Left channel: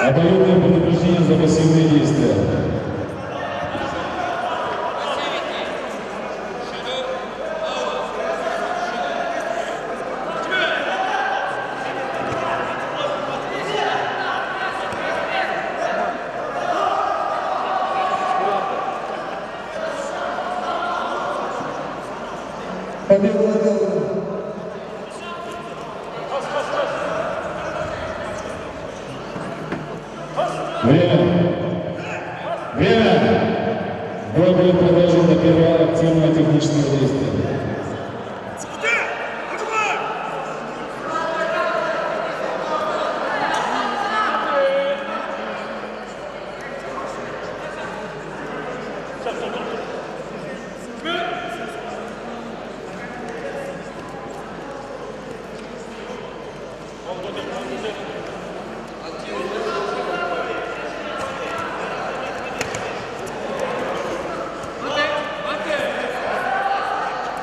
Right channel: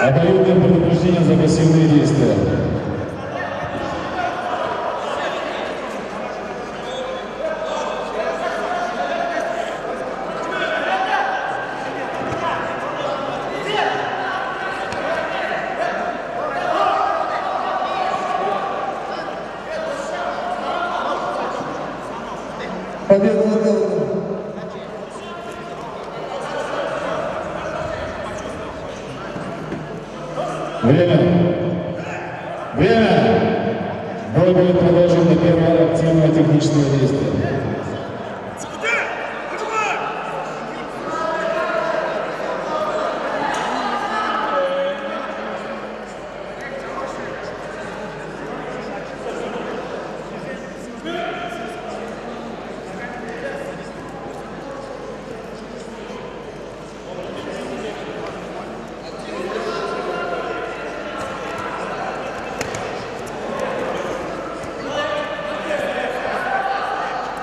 Обоюдное предупреждение за пассивные действия. Победу отдал. Время! Бой будет продолжен до первого активного технического действия.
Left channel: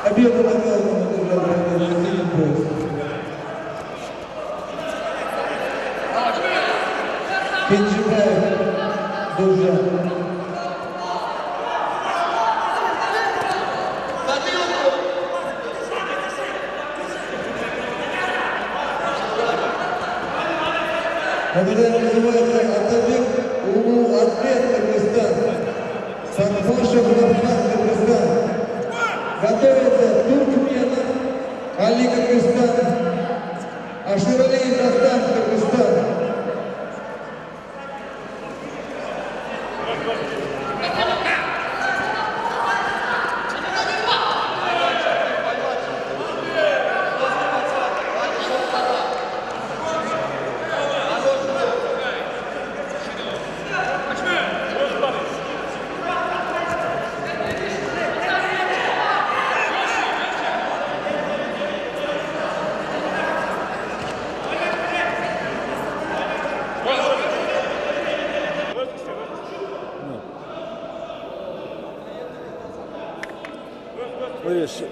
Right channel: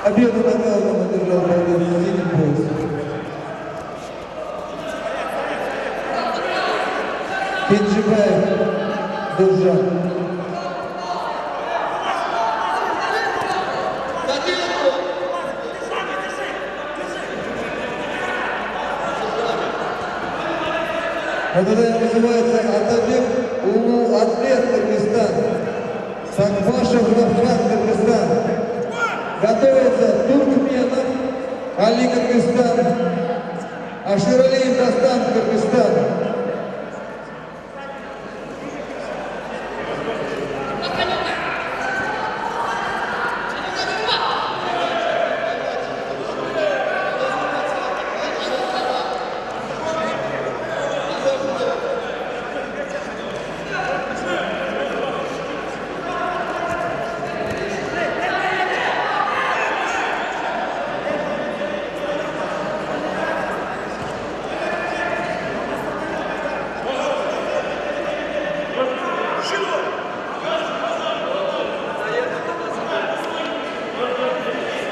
Победу наказом одержал Владимир Пояс. Кенджибаев, Дужан. Это называется Атабек Улу Атлет Кыргызстан. Сакбашев Рафхат Кыргызстан. Готовится Туркменов Али Кыргызстан. Аширалиев Дастан Кыргызстан.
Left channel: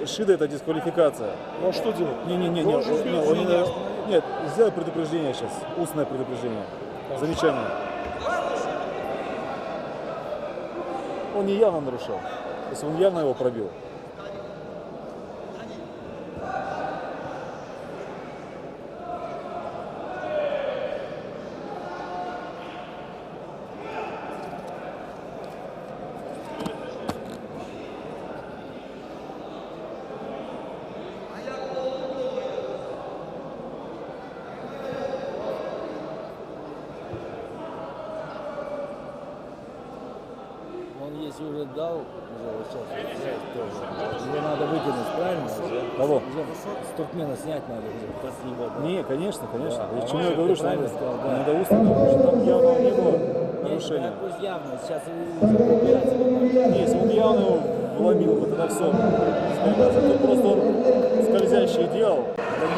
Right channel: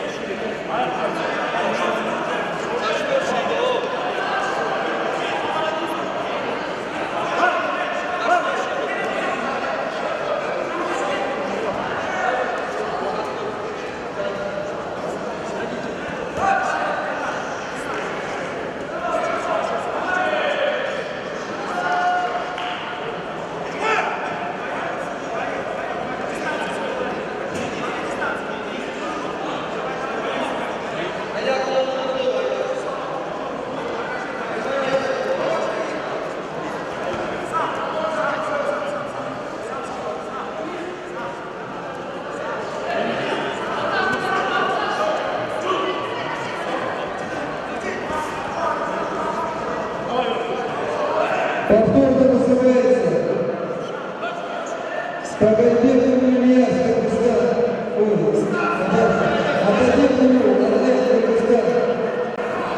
Шире это дисквалификация. А что делать? Нет, сделай предупреждение сейчас. Устное предупреждение. Замечательно. Он не явно решил. Если он явно его пробил. Повторно вызывается Скагайбеков Ильяс, область. Атабек Улу Атлет Кыргызстан.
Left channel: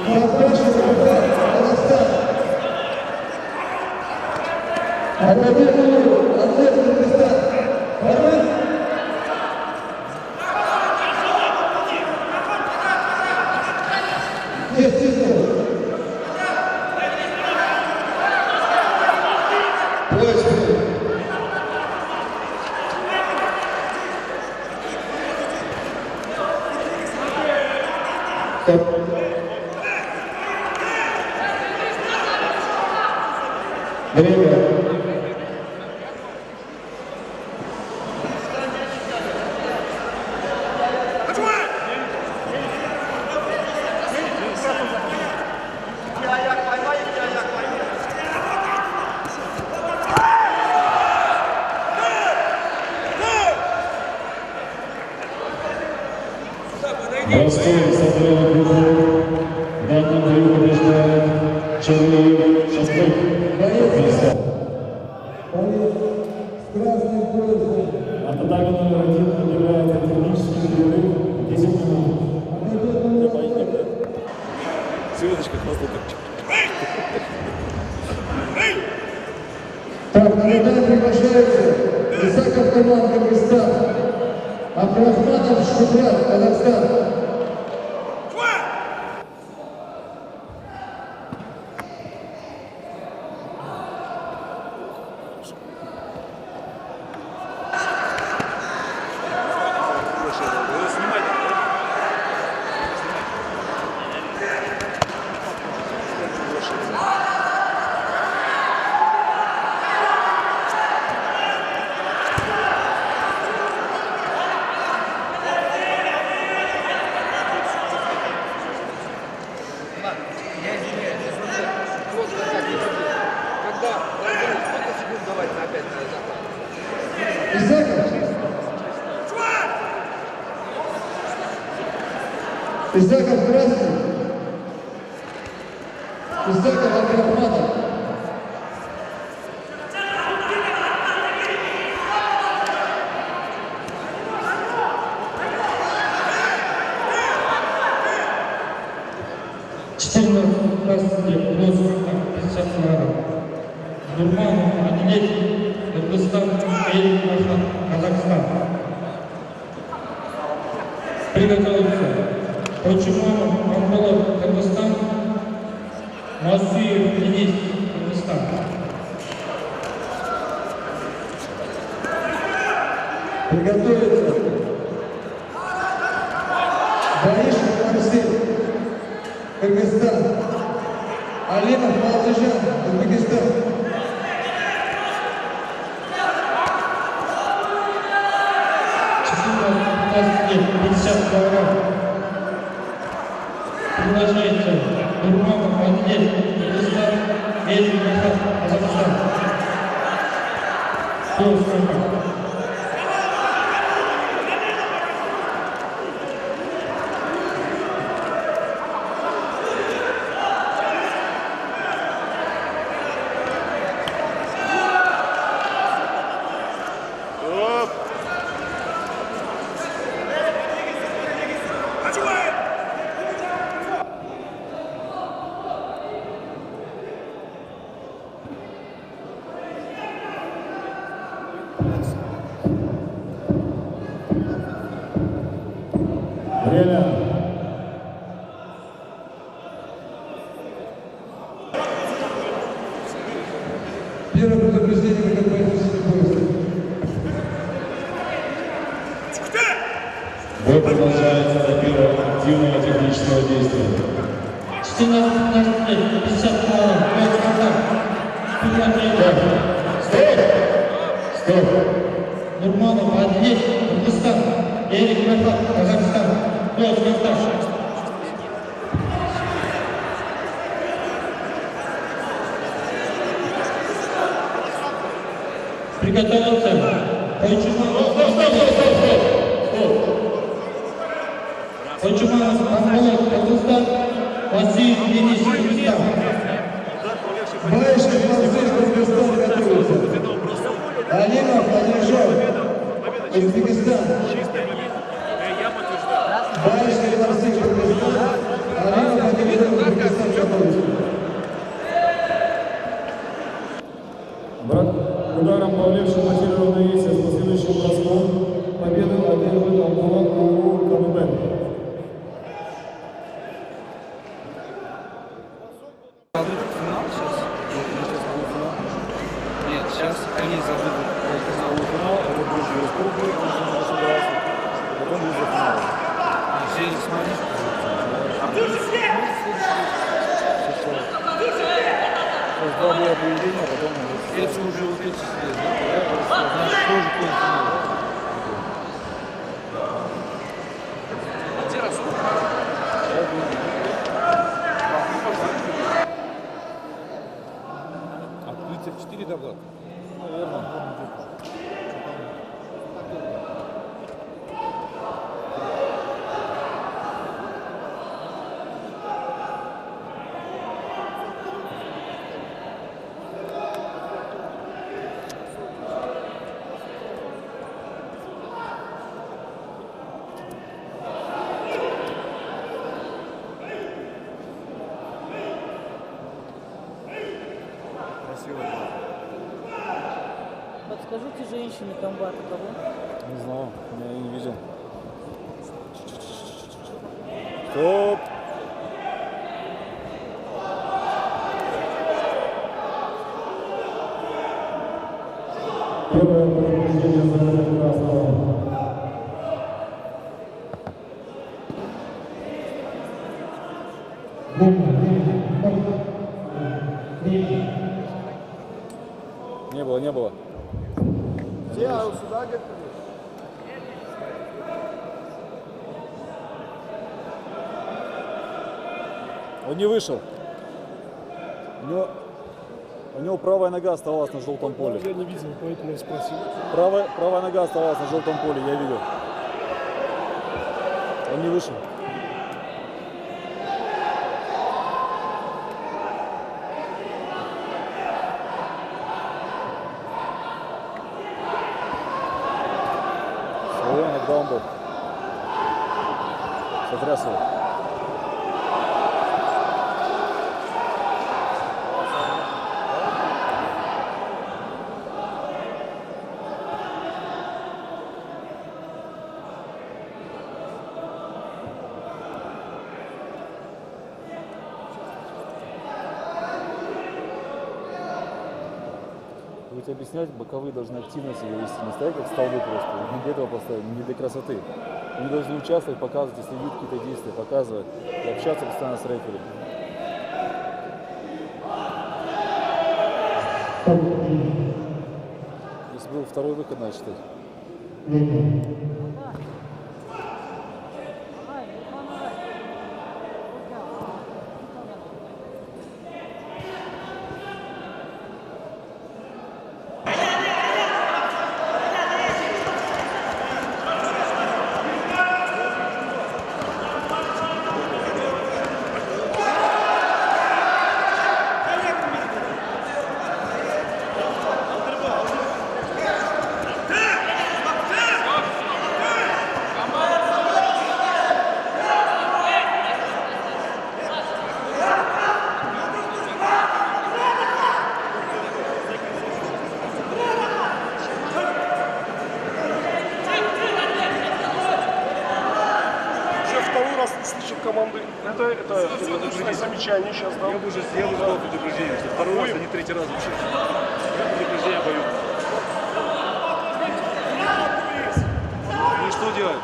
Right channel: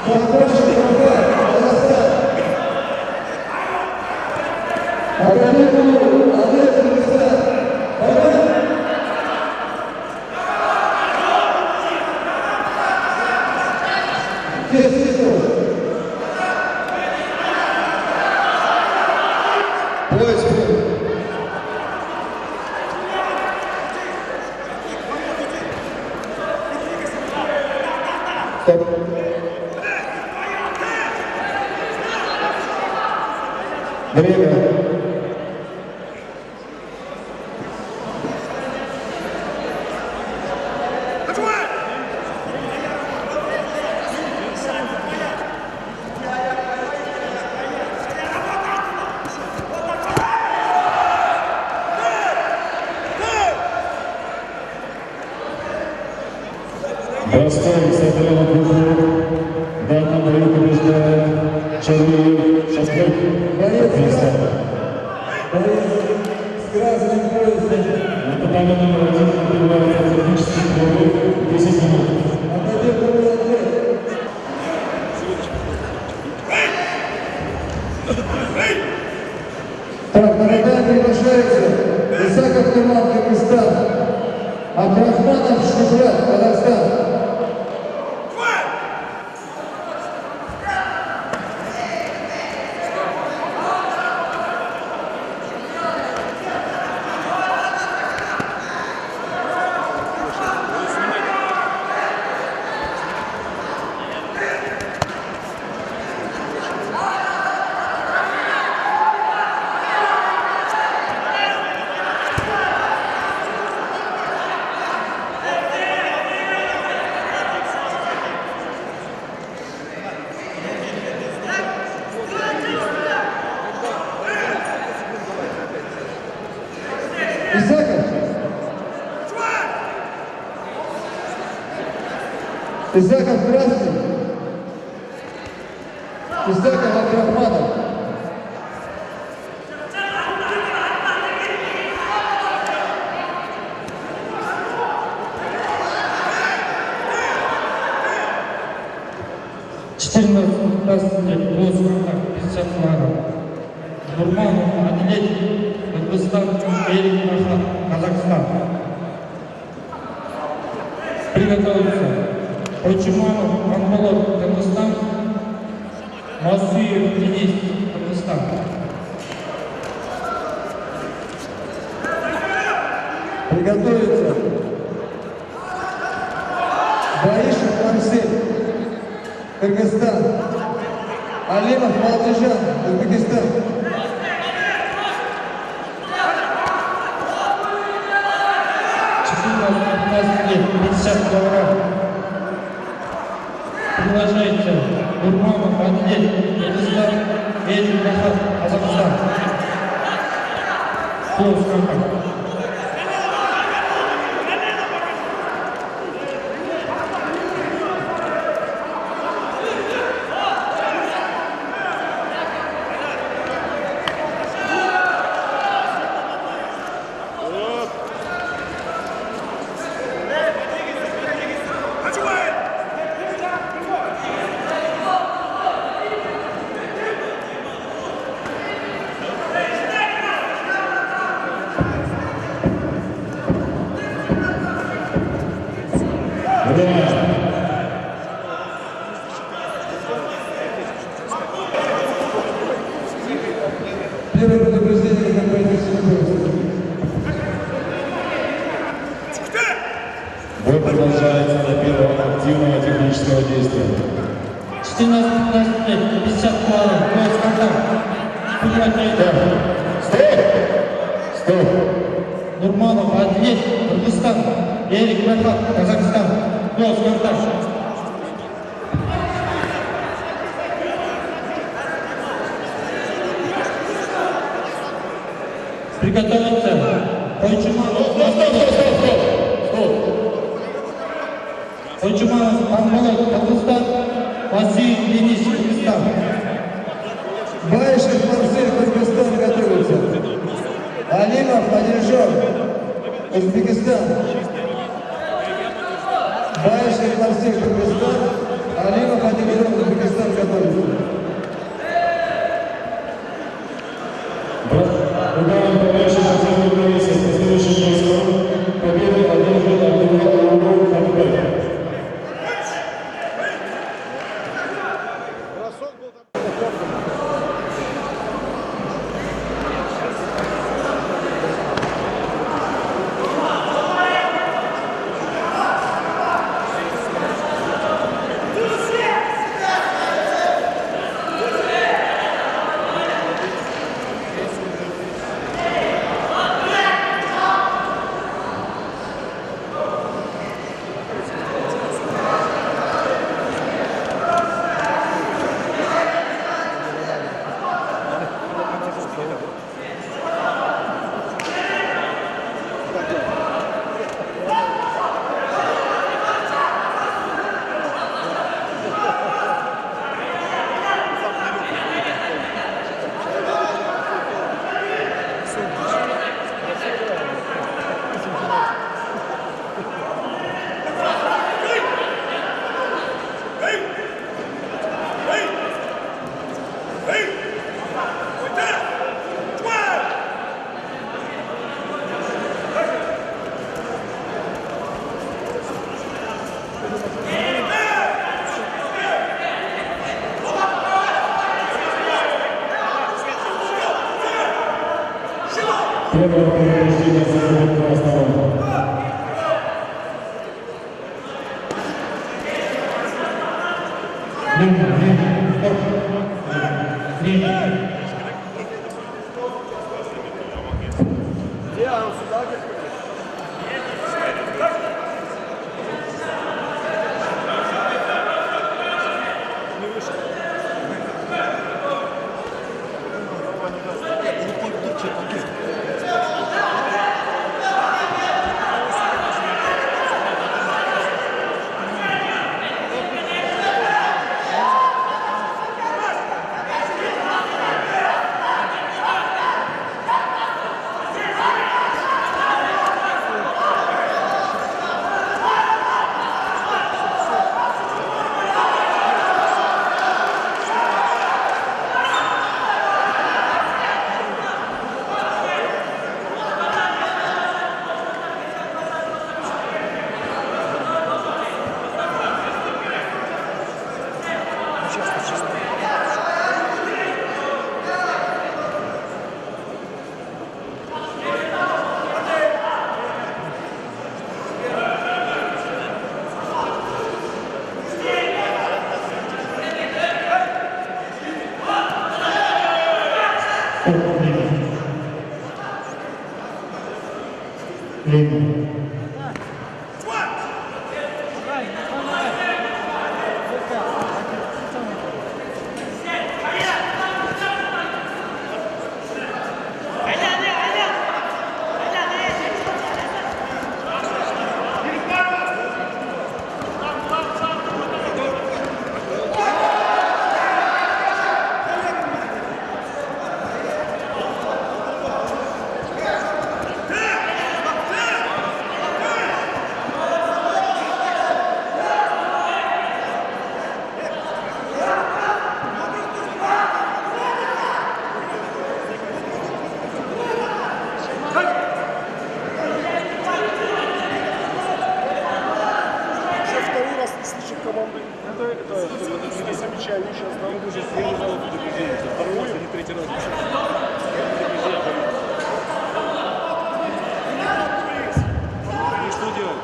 Сакбашев Рафхат, Казахстан. Атабек Улу Атлет Кыргызстан. Формат. Поиск. Время. Ростов собрал группу. В данном бою побеждает Чарлиев Шашлык. Боец с красным поясом. Нападание номер 1 отбивает технический перерыв 10 минут. Отойди, атлет. Так, на ринг приглашается Исаков Туман, Кыргызстан. Абдрахманов Шкуфрат, Казахстан. Исаков красный. Исаков Абдрахманов. Нурманов, Адлет, Кыргызстан, Эрик Махат, Казахстан. Приготовиться. Почуманов, Анголов, Кыргызстан. Мазуев, Денис, Кыргызстан. Приготовиться. Борисов Максим, Кыргызстан. Алимов Малтыжан, Узбекистан. Лет, 50 килограмм. Приглашается Нурманов, Адлет, Кыргызстан, Эрик Махат, Казахстан. Полсколько. Первое предупреждение, как поэтический поезд. Бой продолжается до первого активного технического действия. 14-15 лет, 50 килограмм, Стоп! Стоп! Нурманов, Адлет, Кыргызстан, Эрик Махат, Казахстан. Контакт. Приготовиться. Койчуманов, Ангола, Кыргызстан, Василий, Денис, Кыргызстан. Баишев Марсель, Кыргызстан готовится. Алимов Адильжон, Узбекистан. Баишев Марсель, Кыргызстан. Алимов Адильжон, Узбекистан готовится. Ударом победивший последний боец из последующих поисков. Победу одержал Абдуллах Хабиб. Первое повреждение за красного. Не было. Он не вышел. У него правая нога оставалась на желтом поле. Правая нога оставалась на желтом поле, я видел. Он не вышел. Второй выход, значит. Команды. Это замечание сейчас, да? Я уже съел жалоб предупреждение, что второй раз, а не третий раз вообще. Предупреждение даю. И что делать?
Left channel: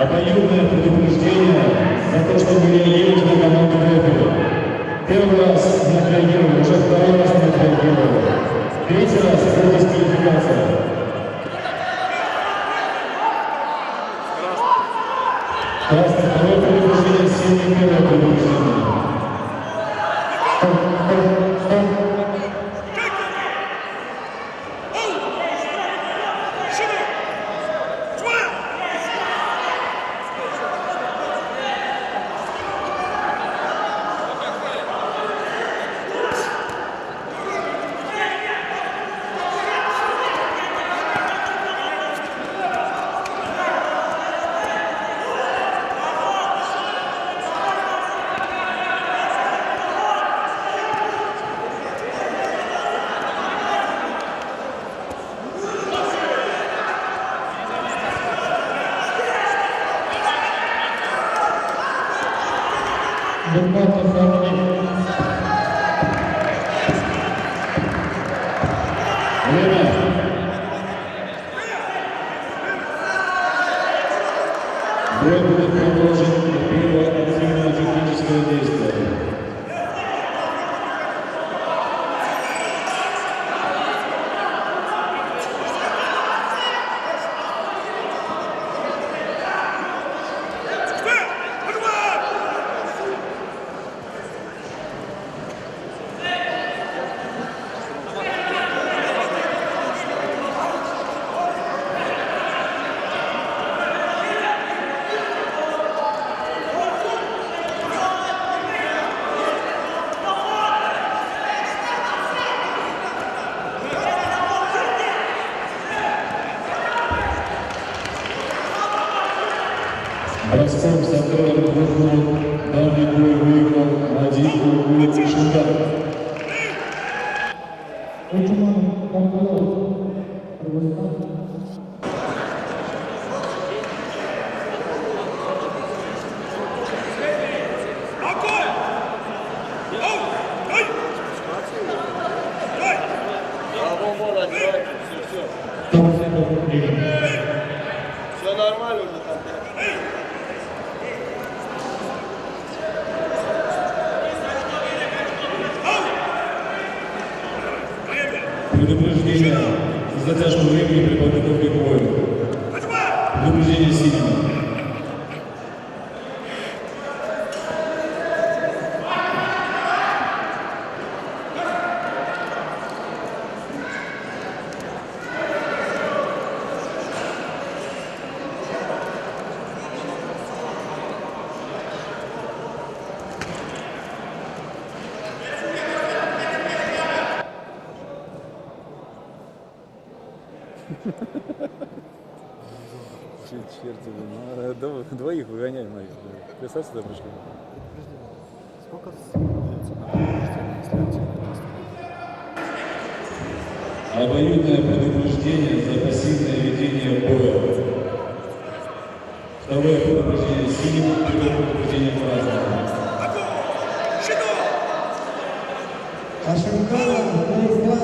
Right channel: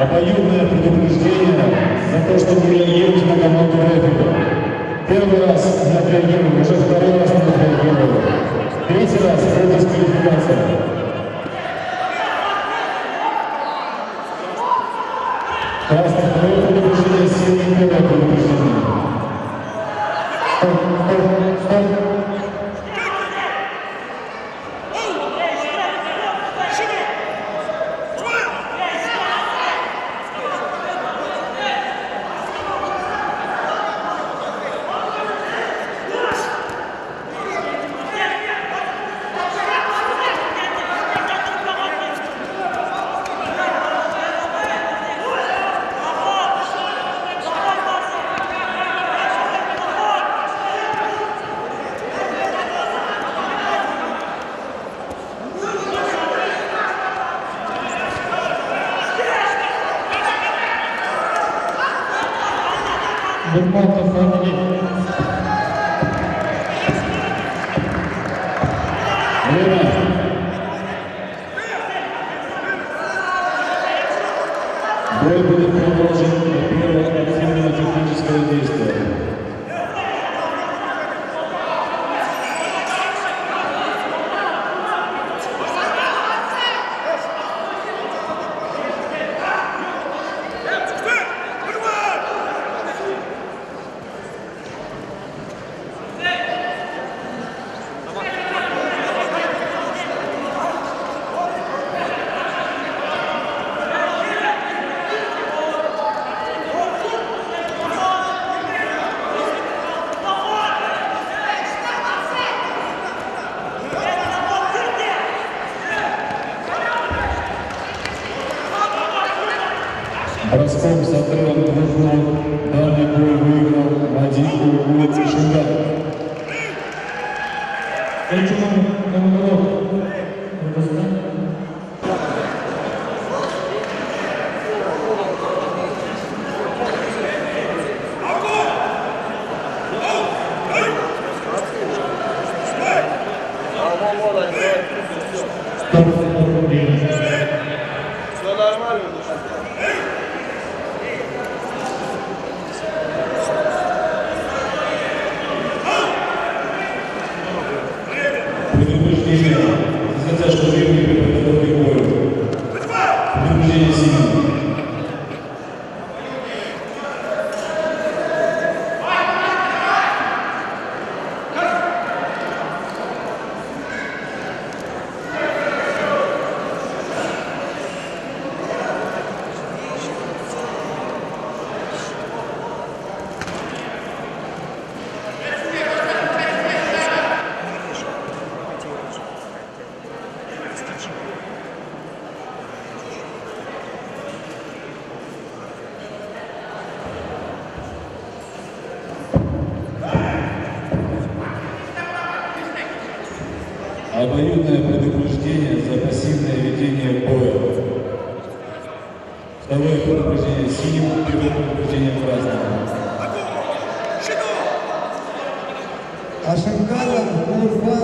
Обоюдное предупреждение за то, что вы реагируете на команду рефери. Первый раз не отреагировали, уже второй раз не отреагировали. Третий раз это дисквалификация. Красный, второе предупреждение, синий, первое предупреждение. Нурматов Андрей. Время. Бой будет продолжен до первого активного технического действия. Броском с отрывом в углу данный бой выиграл Вадим Шунгар. Риму. Все нормально уже там. Предупреждение за затяжку времени при подготовке к бою. Предупреждение сильно. Обоюдное предупреждение за пассивное ведение боя. Второе предупреждение синим, первое предупреждение красному. Ашимканов, Нурфан,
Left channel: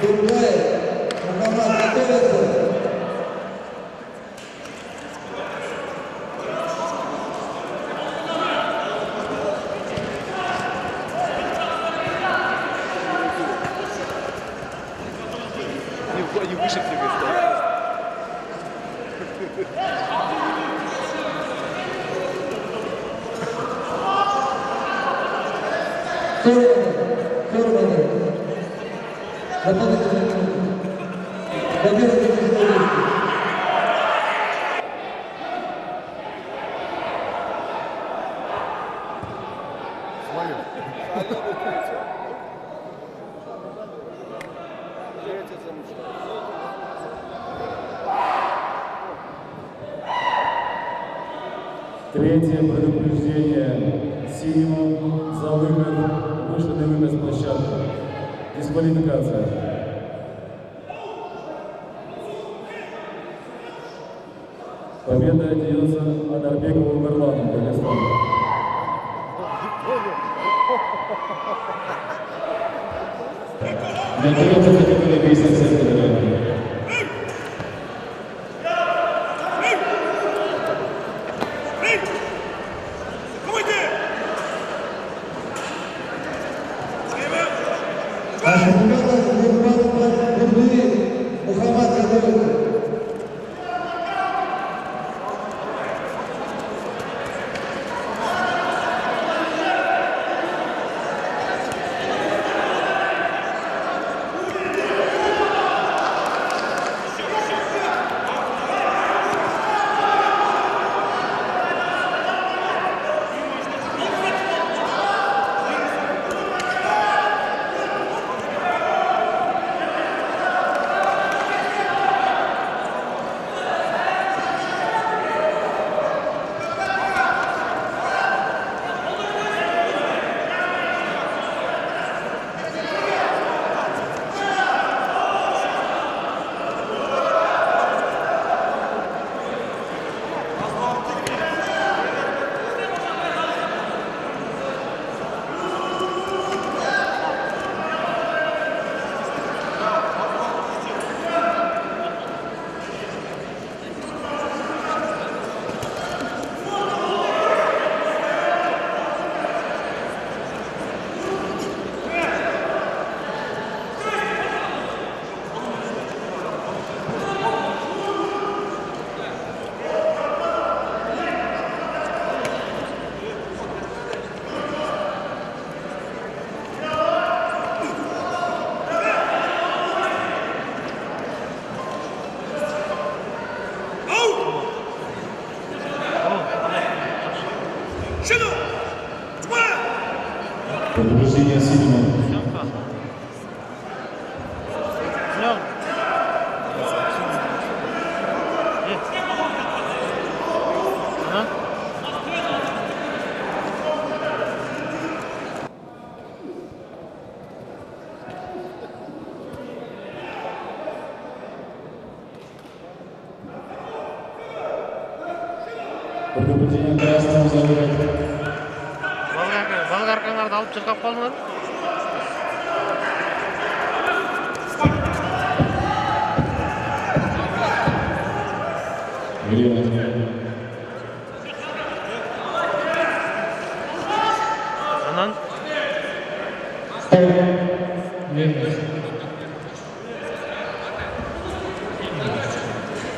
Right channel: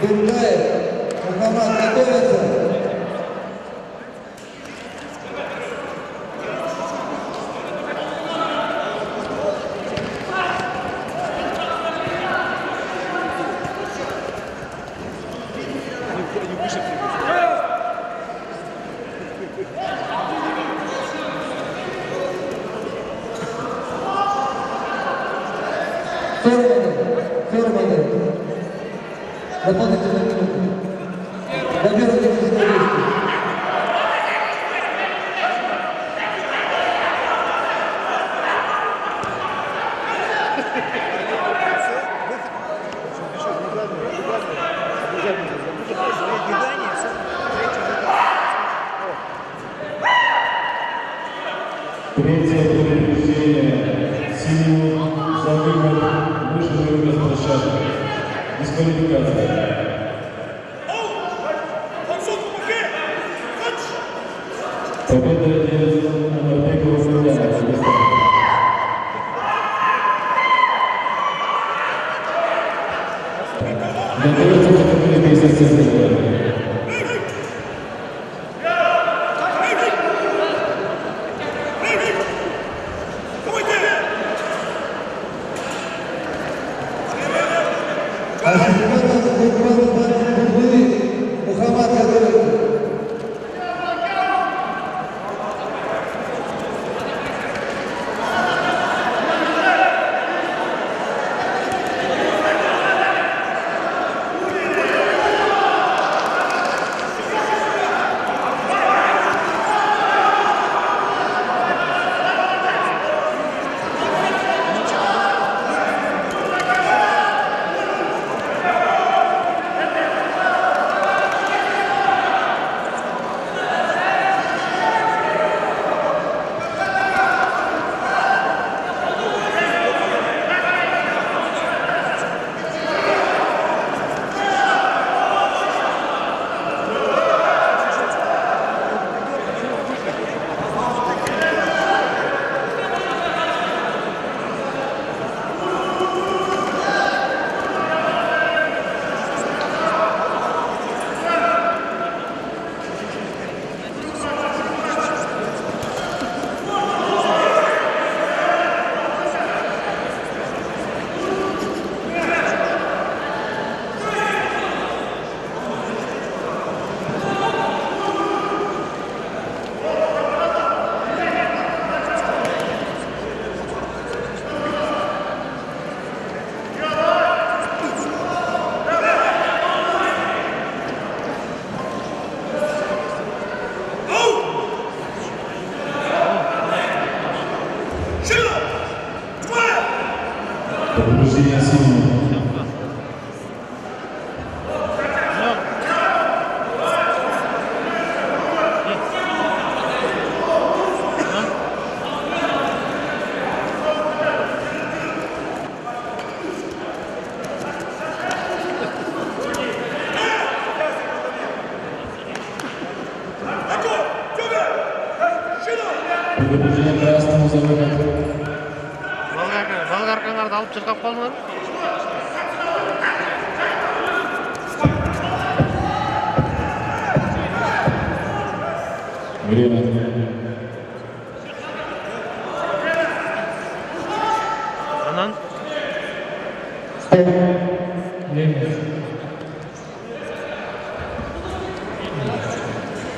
Дургаев, Мухаммад готовится. Они выше прыгают. Ферманы. Дополнительные минуты. Добирайте физически. Третье предупреждение синему за выход выше прыгнуть с площадки. Дисквалификация. Победа держит Анарбекова Филана, Казахстан. Готовится категория 57 килограммов. Ашимканов, Нурфан, Дургаев, Мухаммад готовится. Предупреждение синему. Предупреждение красному за выход. Болгаркаңарды алып чырқап қалдыңдар. Время. Анан? Время.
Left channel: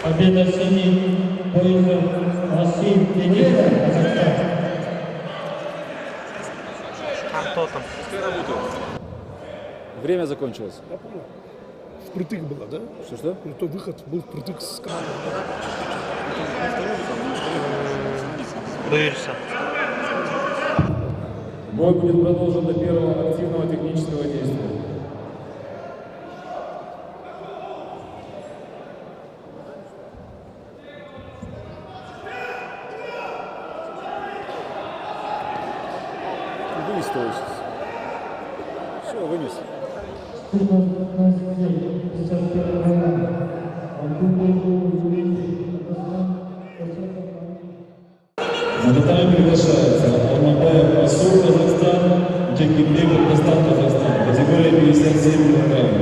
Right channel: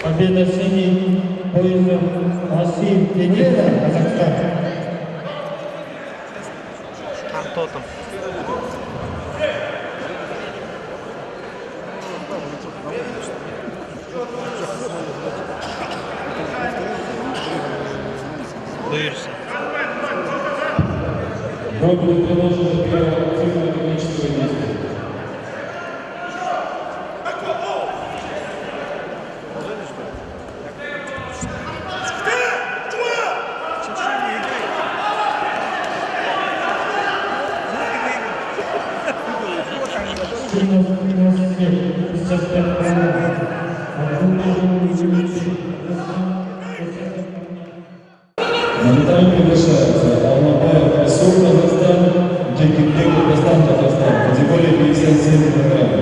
Победа синий поясом Асим Денис, Казахстан. А кто там? Время закончилось. Боишься? Бой будет продолжен до первого активного технического действия. На татами приглашается Алмабаев Расул, Казахстан, Джекибек, Казахстан, Казахстан, категория 57 килограммов.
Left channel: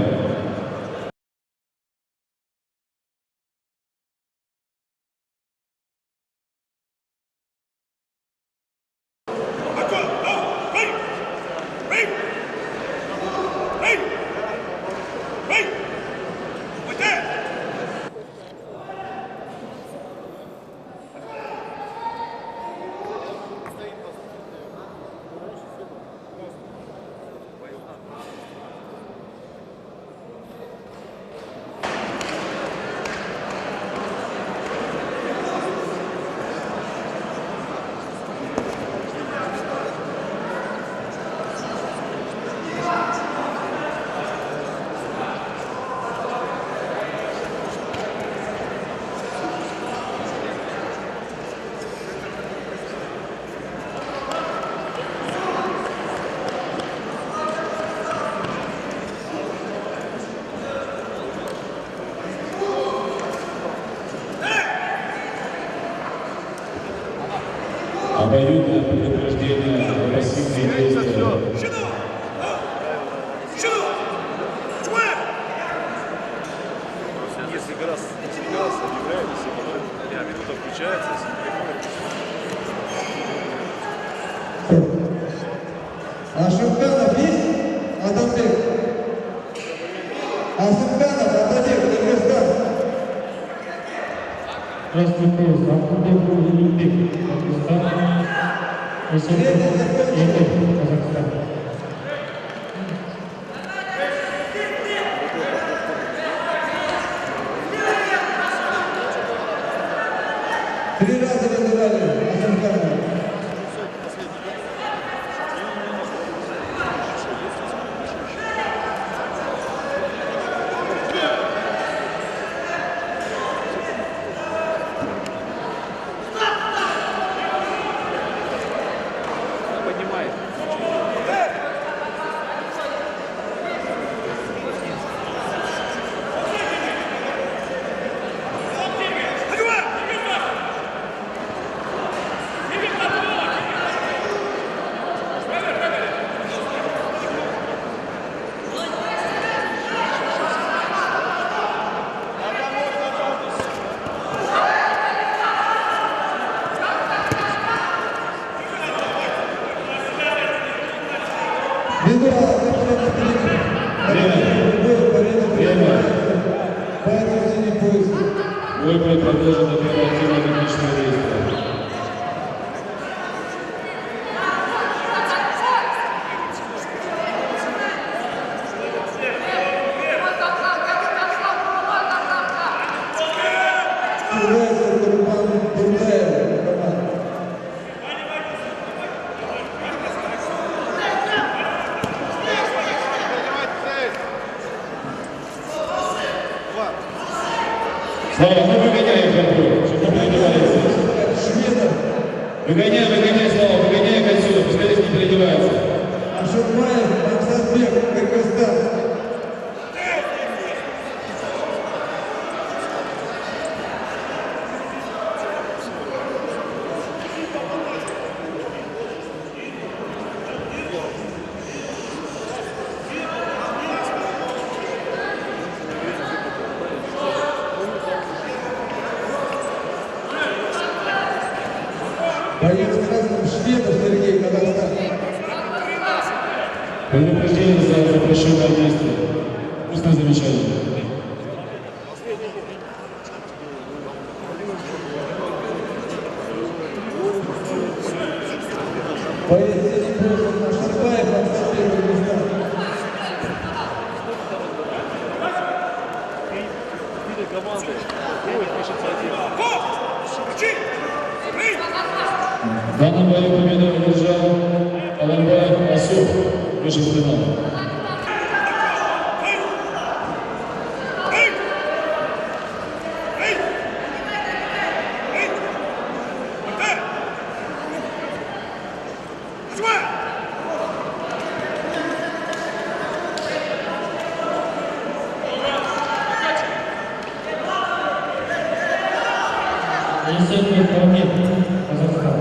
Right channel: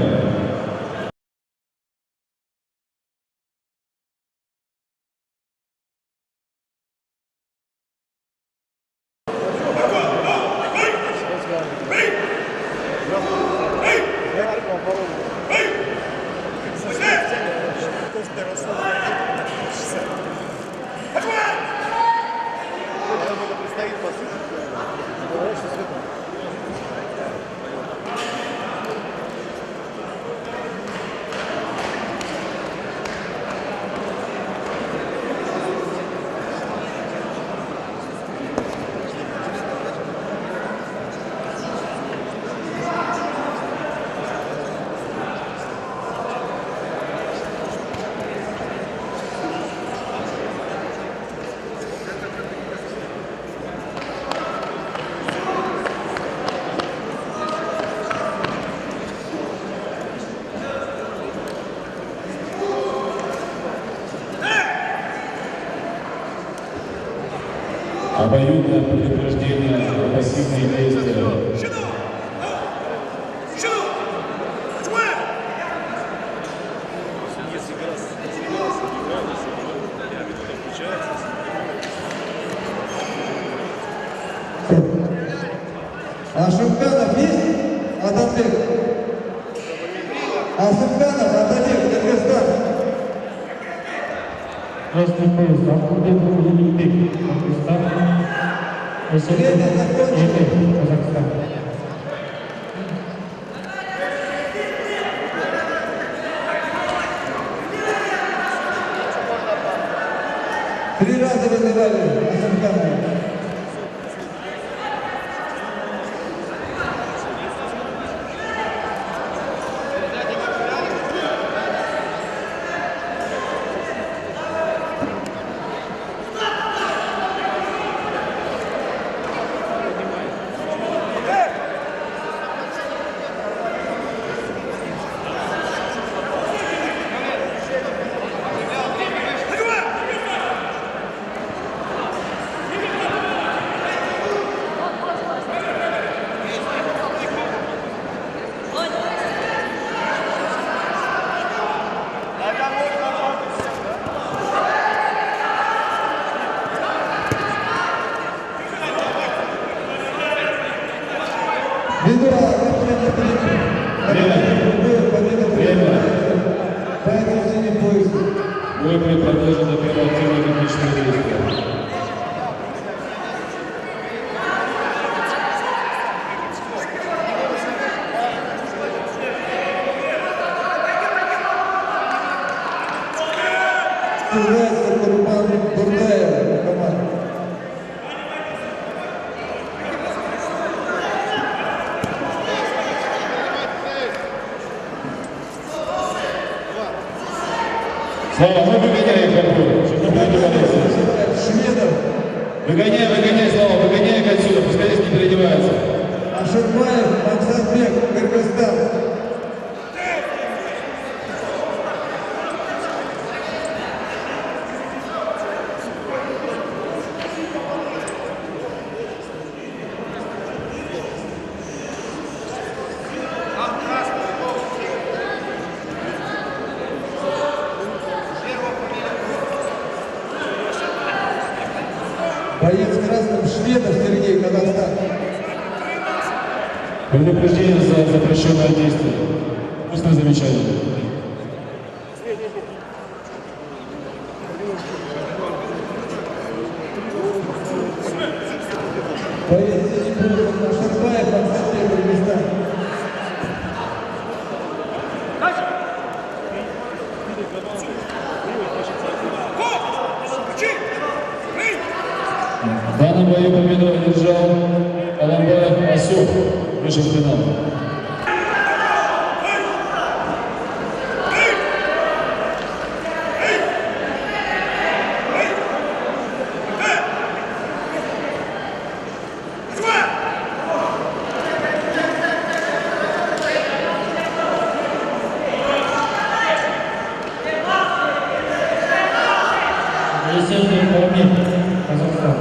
Обоюдное предупреждение о пассивные действия. Несколько раз играют, я минута включается. Ашимханов есть? Адамбек. Асымханов, Адамбек, Кыргызстан. Красный пояс, Ахмедов Улугбек, Пакистан. Время закончилось. Казахстан. Три раза вызывали Асымханова. Победа поэтому синий пояс. Бой будет продолжен до первого активного технического действия. Является Курбан Бурдаев, команда. Слава, ну выгоняй их отбор, чтобы не переодевались. Шведов, Выгоняй, Слава, выгоняй их отсюда, пускай здесь не переодеваются. Ашурбаев, Максатбек, Кыргызстан. Боец красным Шведов Сергей, Казахстан. Предупреждение за запрещенное действие. Устное замечание. Боец синий пояс Ашарбаев, Максатбек, Кыргызстан. В данном бою победу одержал Аламбаев Асюк, вышел в финал. Елисеев Павлин, Казахстан.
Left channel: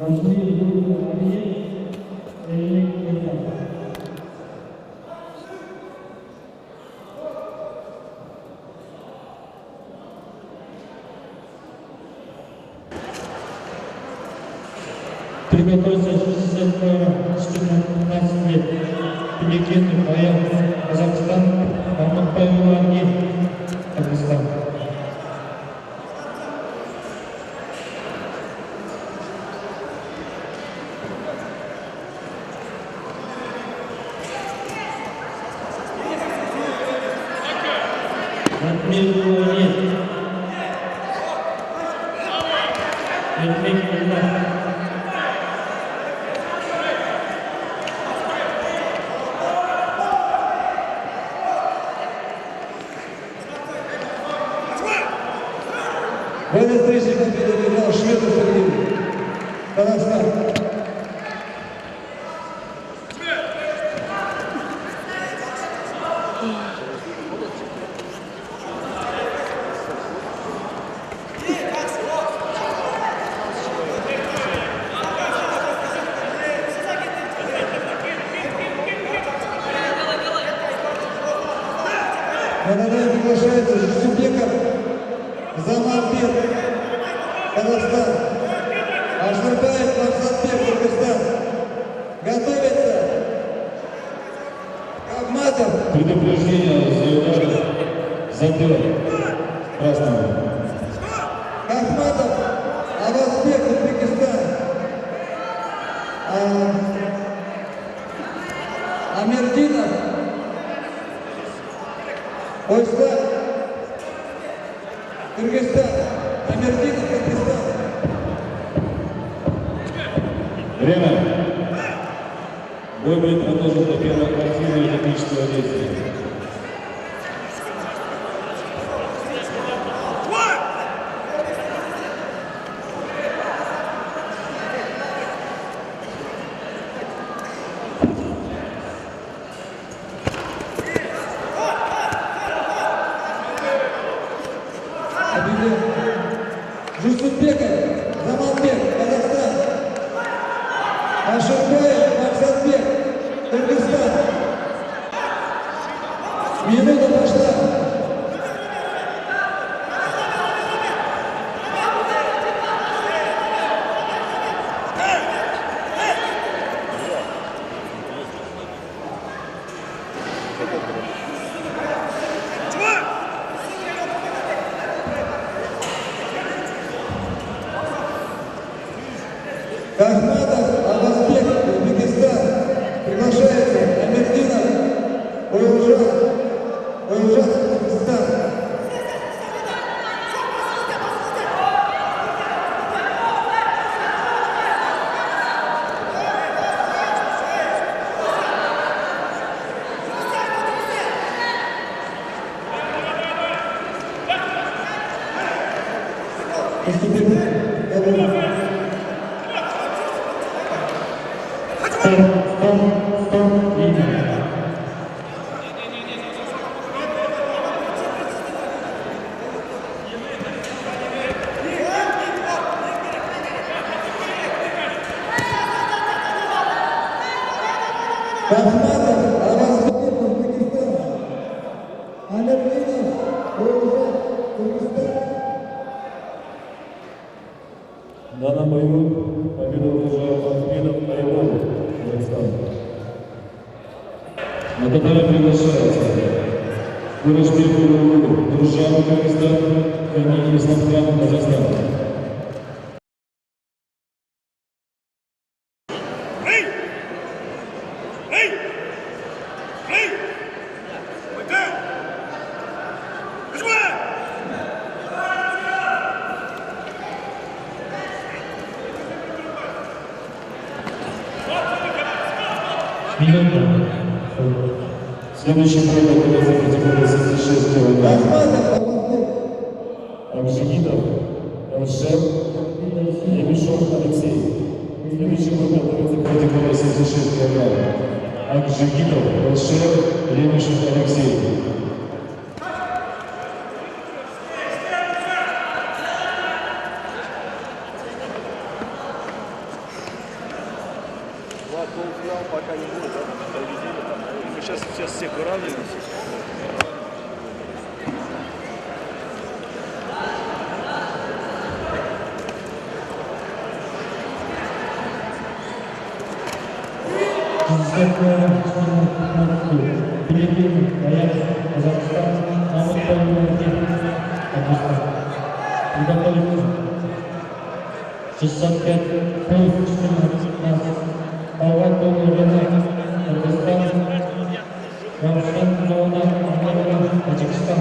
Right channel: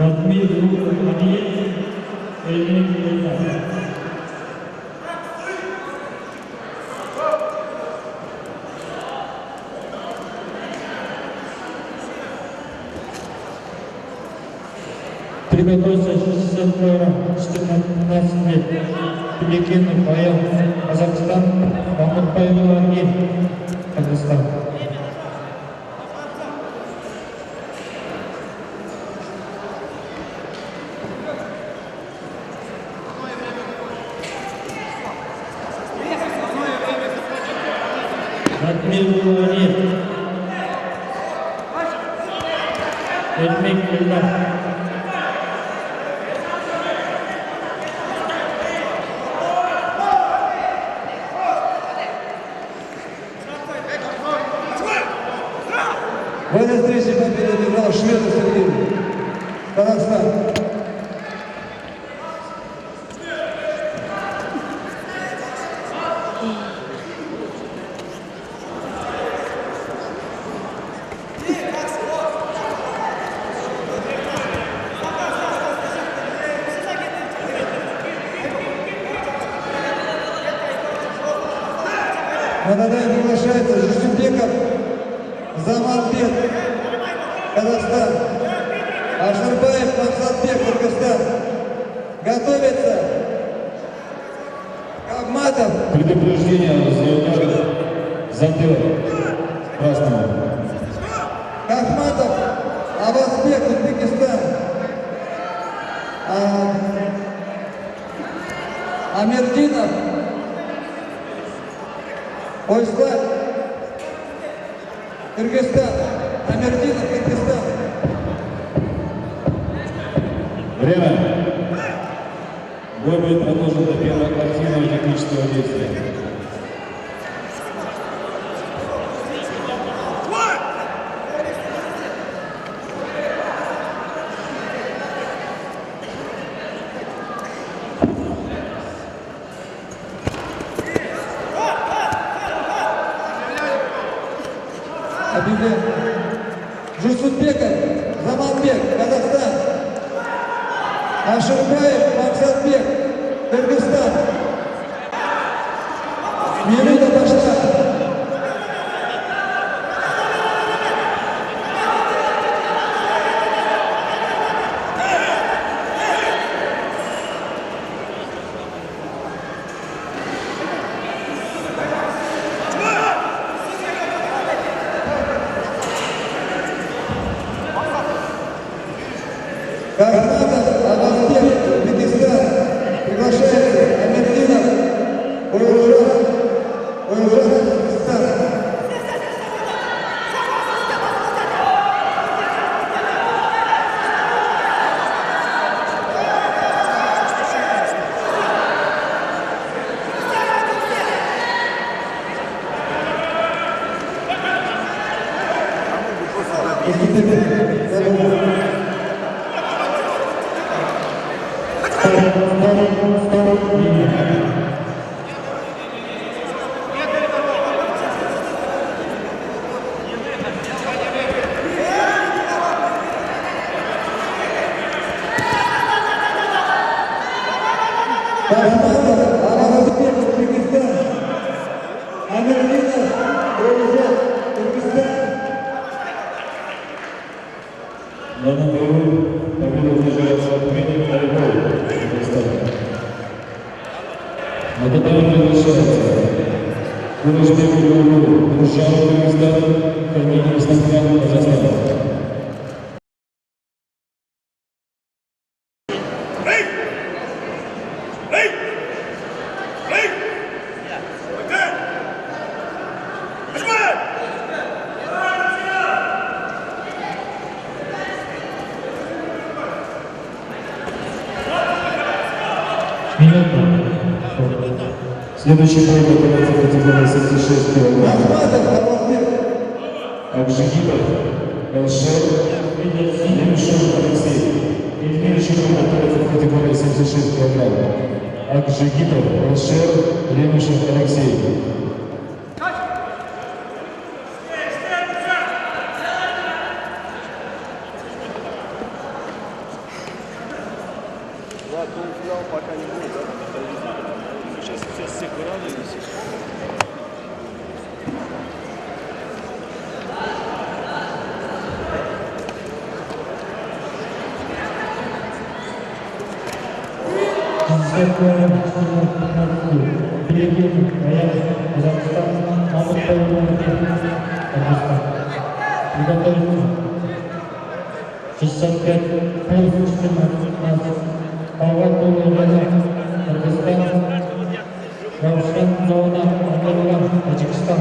Радмир Алиев, Эльмир Кирилов. Приготовился 62 раунд, 14 лет. Пеликин Паял, Казахстан, Мамутбаев Ангель, Казахстан. Радмир Алиев, Эльмир Кирилов. В этой встрече победу одержал Шведов Сергей, Казахстан. На татами приглашается Жусупеков Заманбек, Казахстан. Ашарбаев Максатбек, Кыргызстан. Готовится Кагматов. Предупреждение за удар затыл красного. Кахматов Абазбек, Узбекистан. Амирдинов Ойслав, Кыргызстан. Амирдинов, Кыргызстан. Время. Бой будет продолжен до первого активного технического действия. Объявлен. Жусупбеков Заманбек, Казахстан. Ашарбаев Максатбек, Кыргызстан. Минута пошла. Кахматов Абазбек, Узбекистан. Приглашается Амирдинов Ойылжан, Кыргызстан. Бахматов, Аразбек, Узбекистан. Амирдинов, Грузия, Кыргызстан. В данном бою победу удерживается Евгений Поляков, Кыргызстан. На татами приглашается Курышбек Улугу, Дружан, Кыргызстан, Корнеев Исламхан, Казахстан. Следующий бой готовится категория 76 кг. Бахматов, Аразбек. Акжигитов, Элшер, Лемешев, Алексей. Следующий бой готовится категория 76 кг. Акжигитов, Элшер, Лемешев, Алексей. Да, полуфинал пока не будет, да? Мы сейчас всех выравниваемся. Филиппины, Казахстан, Мамут Павел, Кыргызстан. Приготовиться. 65 плюс 14. Павел Павел, Кыргызстан. Равшан Зона, Амарова, Таджикистан.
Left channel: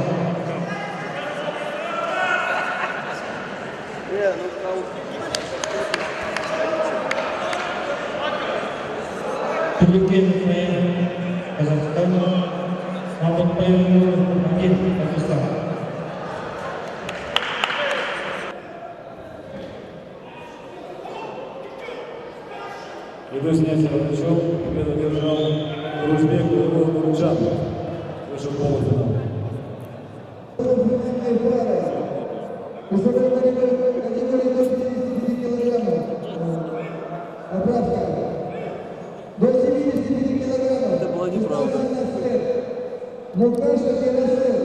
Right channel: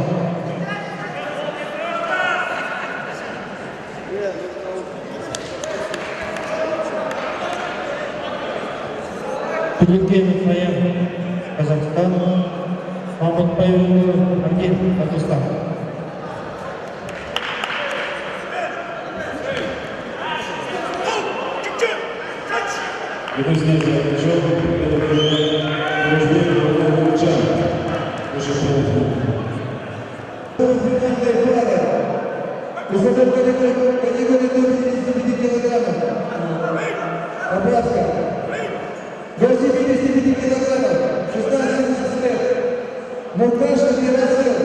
Филиппины, Казахстан, Мамут Павел, Кыргызстан. Друзья, заключен, Курышбек Улугу, Дружан. Прошу полуфинал. Полуфинальная пара. Высокой категории до 55 килограммов. Поправка. До 75 килограммов. 16 лет. Мукашев Ярослав.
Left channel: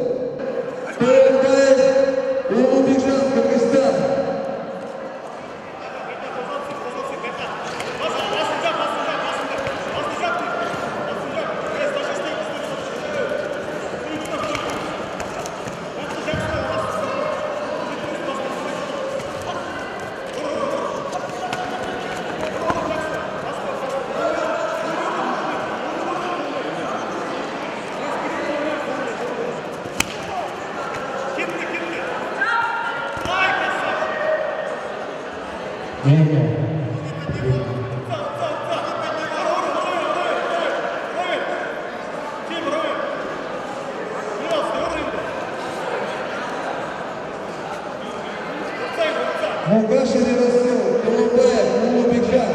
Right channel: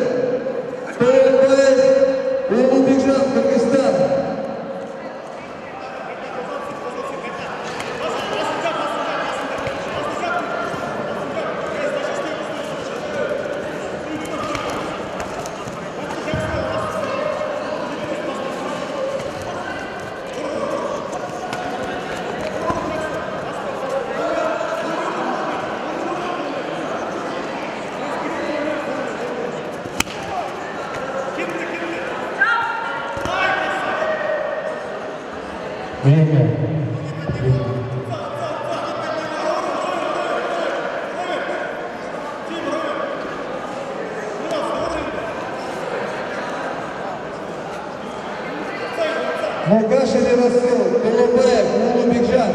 ТРБ Улугбекжан, Кыргызстан. Мукашев Ярослав, Толубаев, Улугбекжан.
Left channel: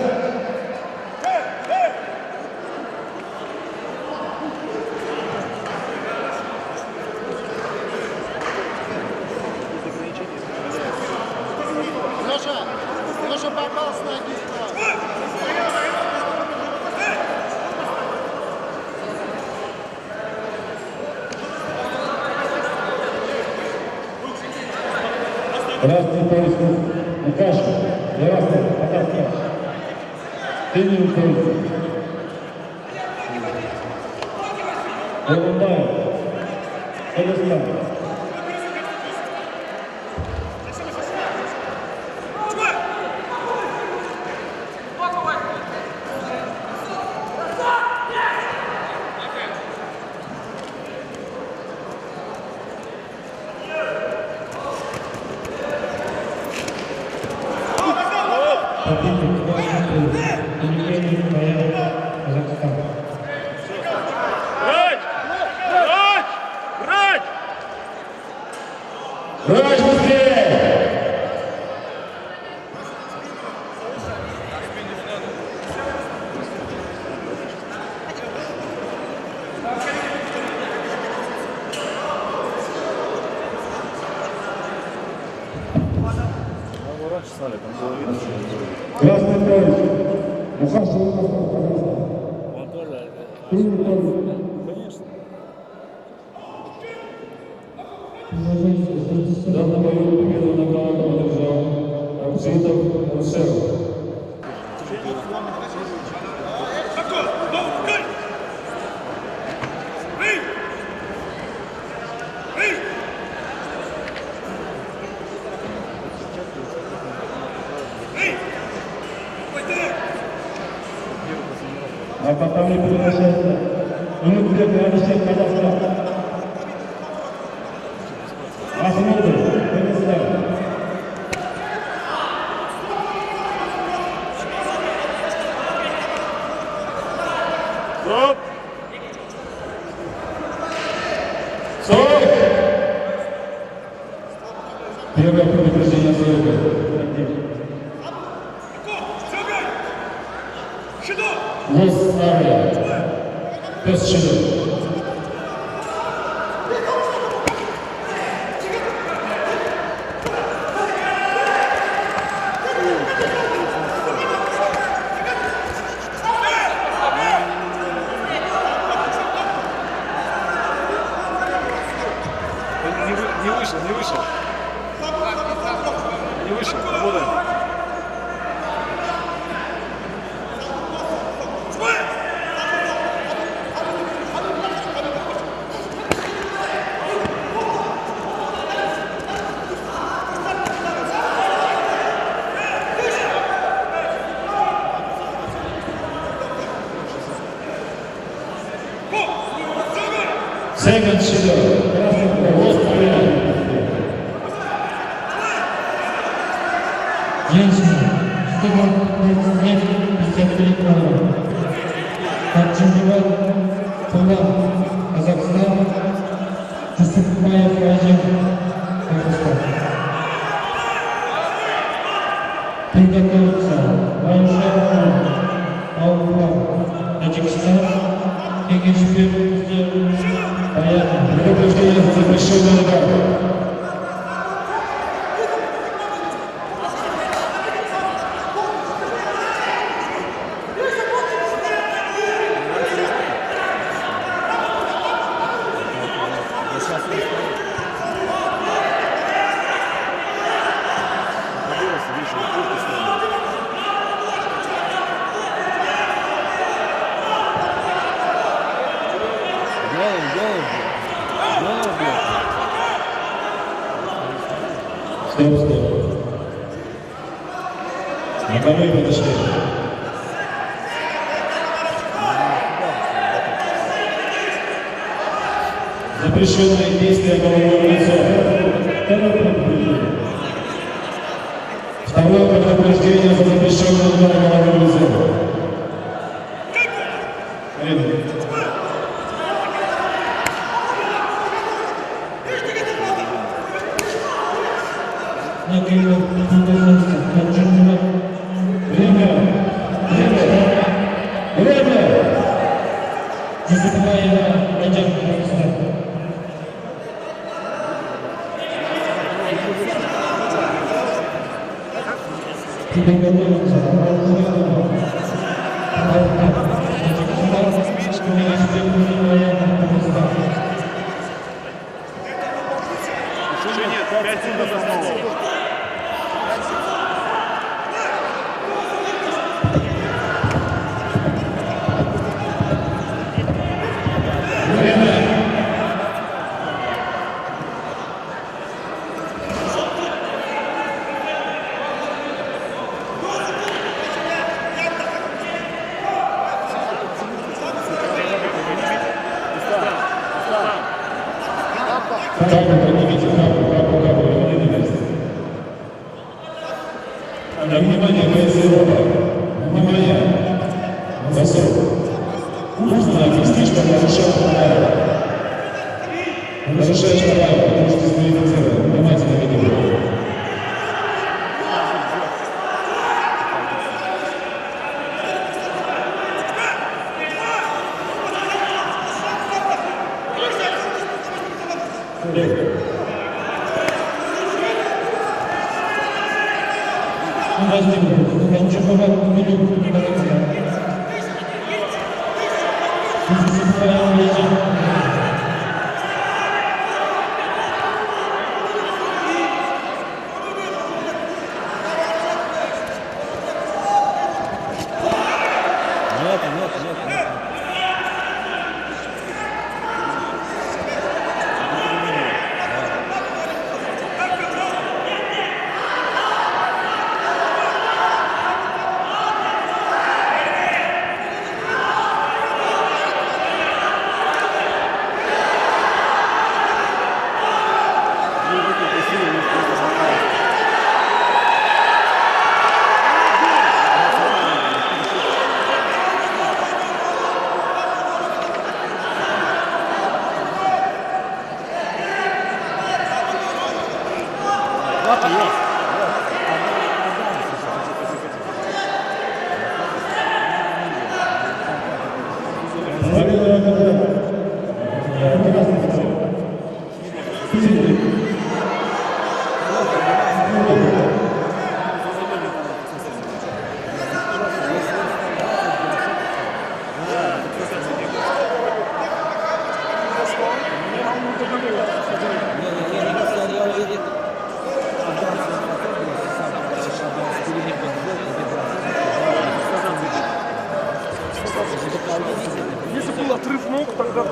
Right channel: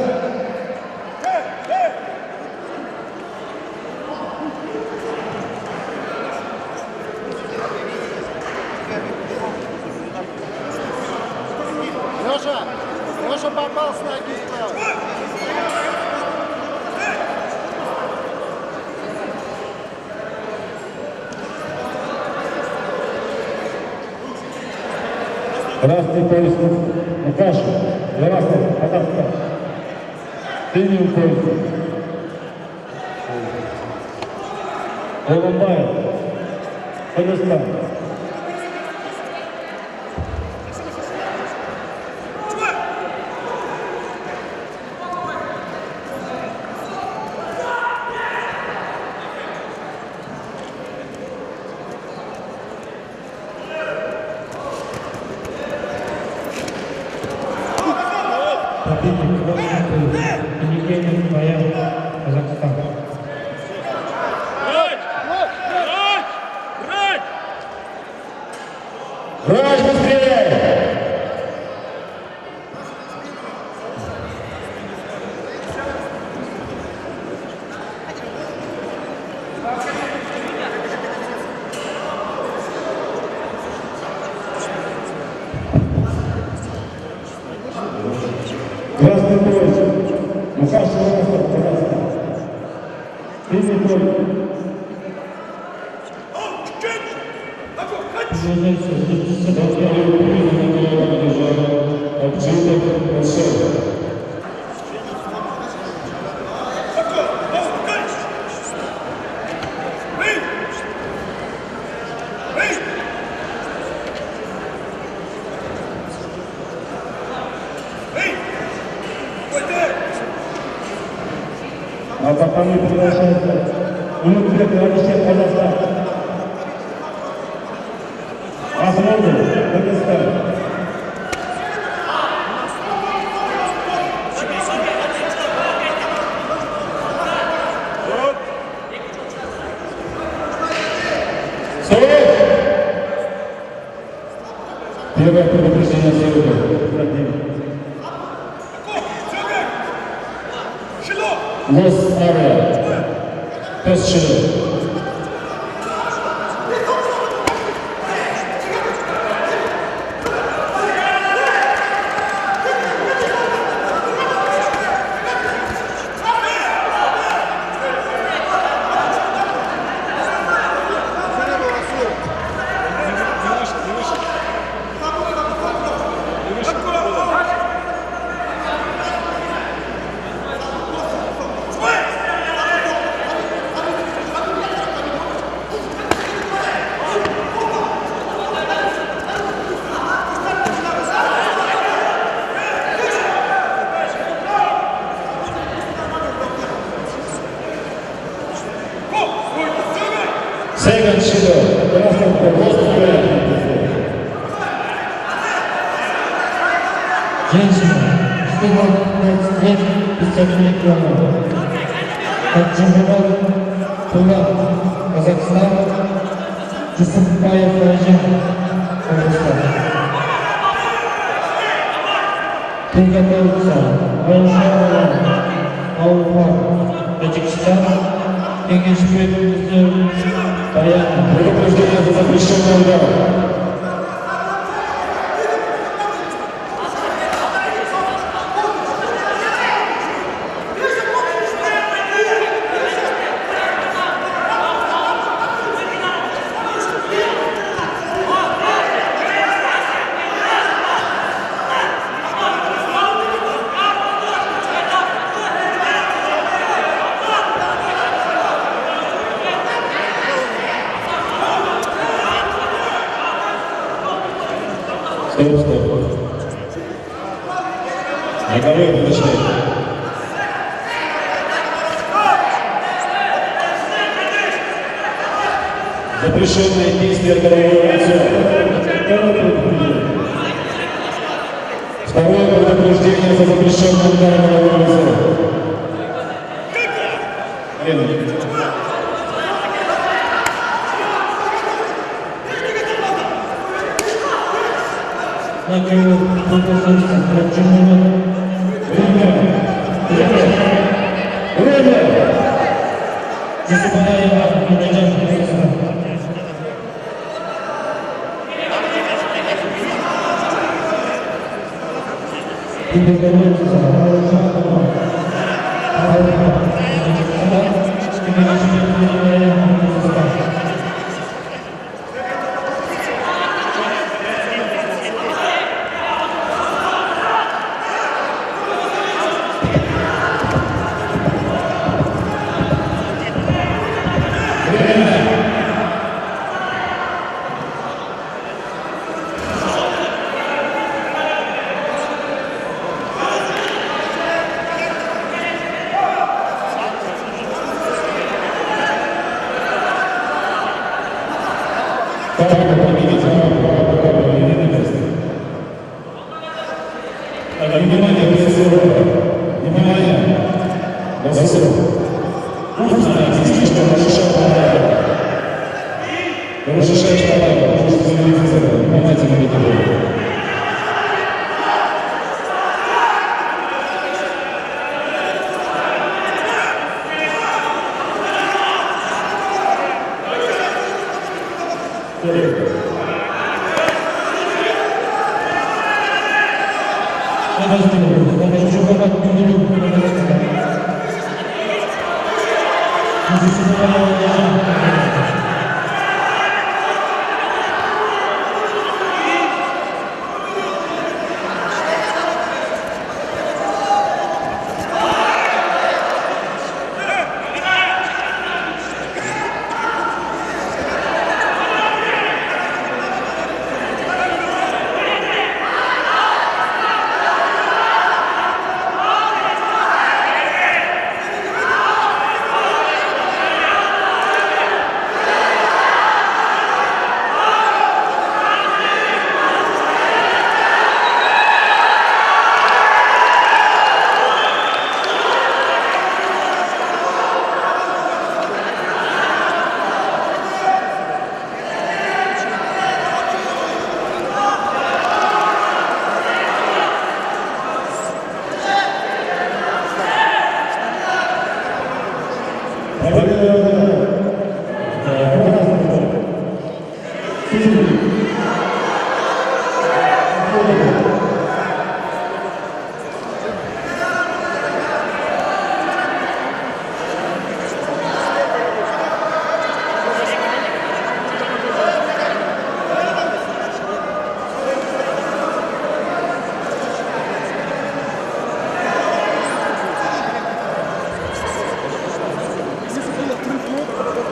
Леша попал с ноги справа. Красный пояс Мукашев, Ярослав, Казахстан. Синий пояс Улубаев, Казахстан. Брать быстрее! Красный пояс. Мухашев Ярослав, Казахстан. Первый бой. А потом и приглашается минут 2 Казахстан. Ахмадов, Дагестан. Первое предупреждение съемка. Лос Ария. Пес Шилов. Second Shido, Lost Arия. Женщина, 115 лет, 53 килограмма. Таджимбулат, Тула, Казахстан, Жусупбаев Райжан, Кыргызстан. Приготовиться, Аушар, Ауфа, Таджикистан, Кегешбек, Баян. Предупреждение за запрещенный удар. Стоп. Боковые подошли. Запрещенные действия головой лицо. Второе предупреждение за запрещенный удар головой лицо. Накрыло конкурсанта, Таджимбулат. Время! Жусупбаева, Райжан, Кыргызстан. Приготовиться, Аушар, Ауфа, Таджикистан, Кегешбек, Баян, Кыргызстан. Капу поднимите, капу, не на место. Внимание, Гайцерова. Внимание. Засов. Нужно объяснить, что разрешает Талаева. Разрешаешь Талаева, можете дисквалифицировать. Внимательно видео. Таджимбулат, Казахстан. Если был отрыв ног, тогда да.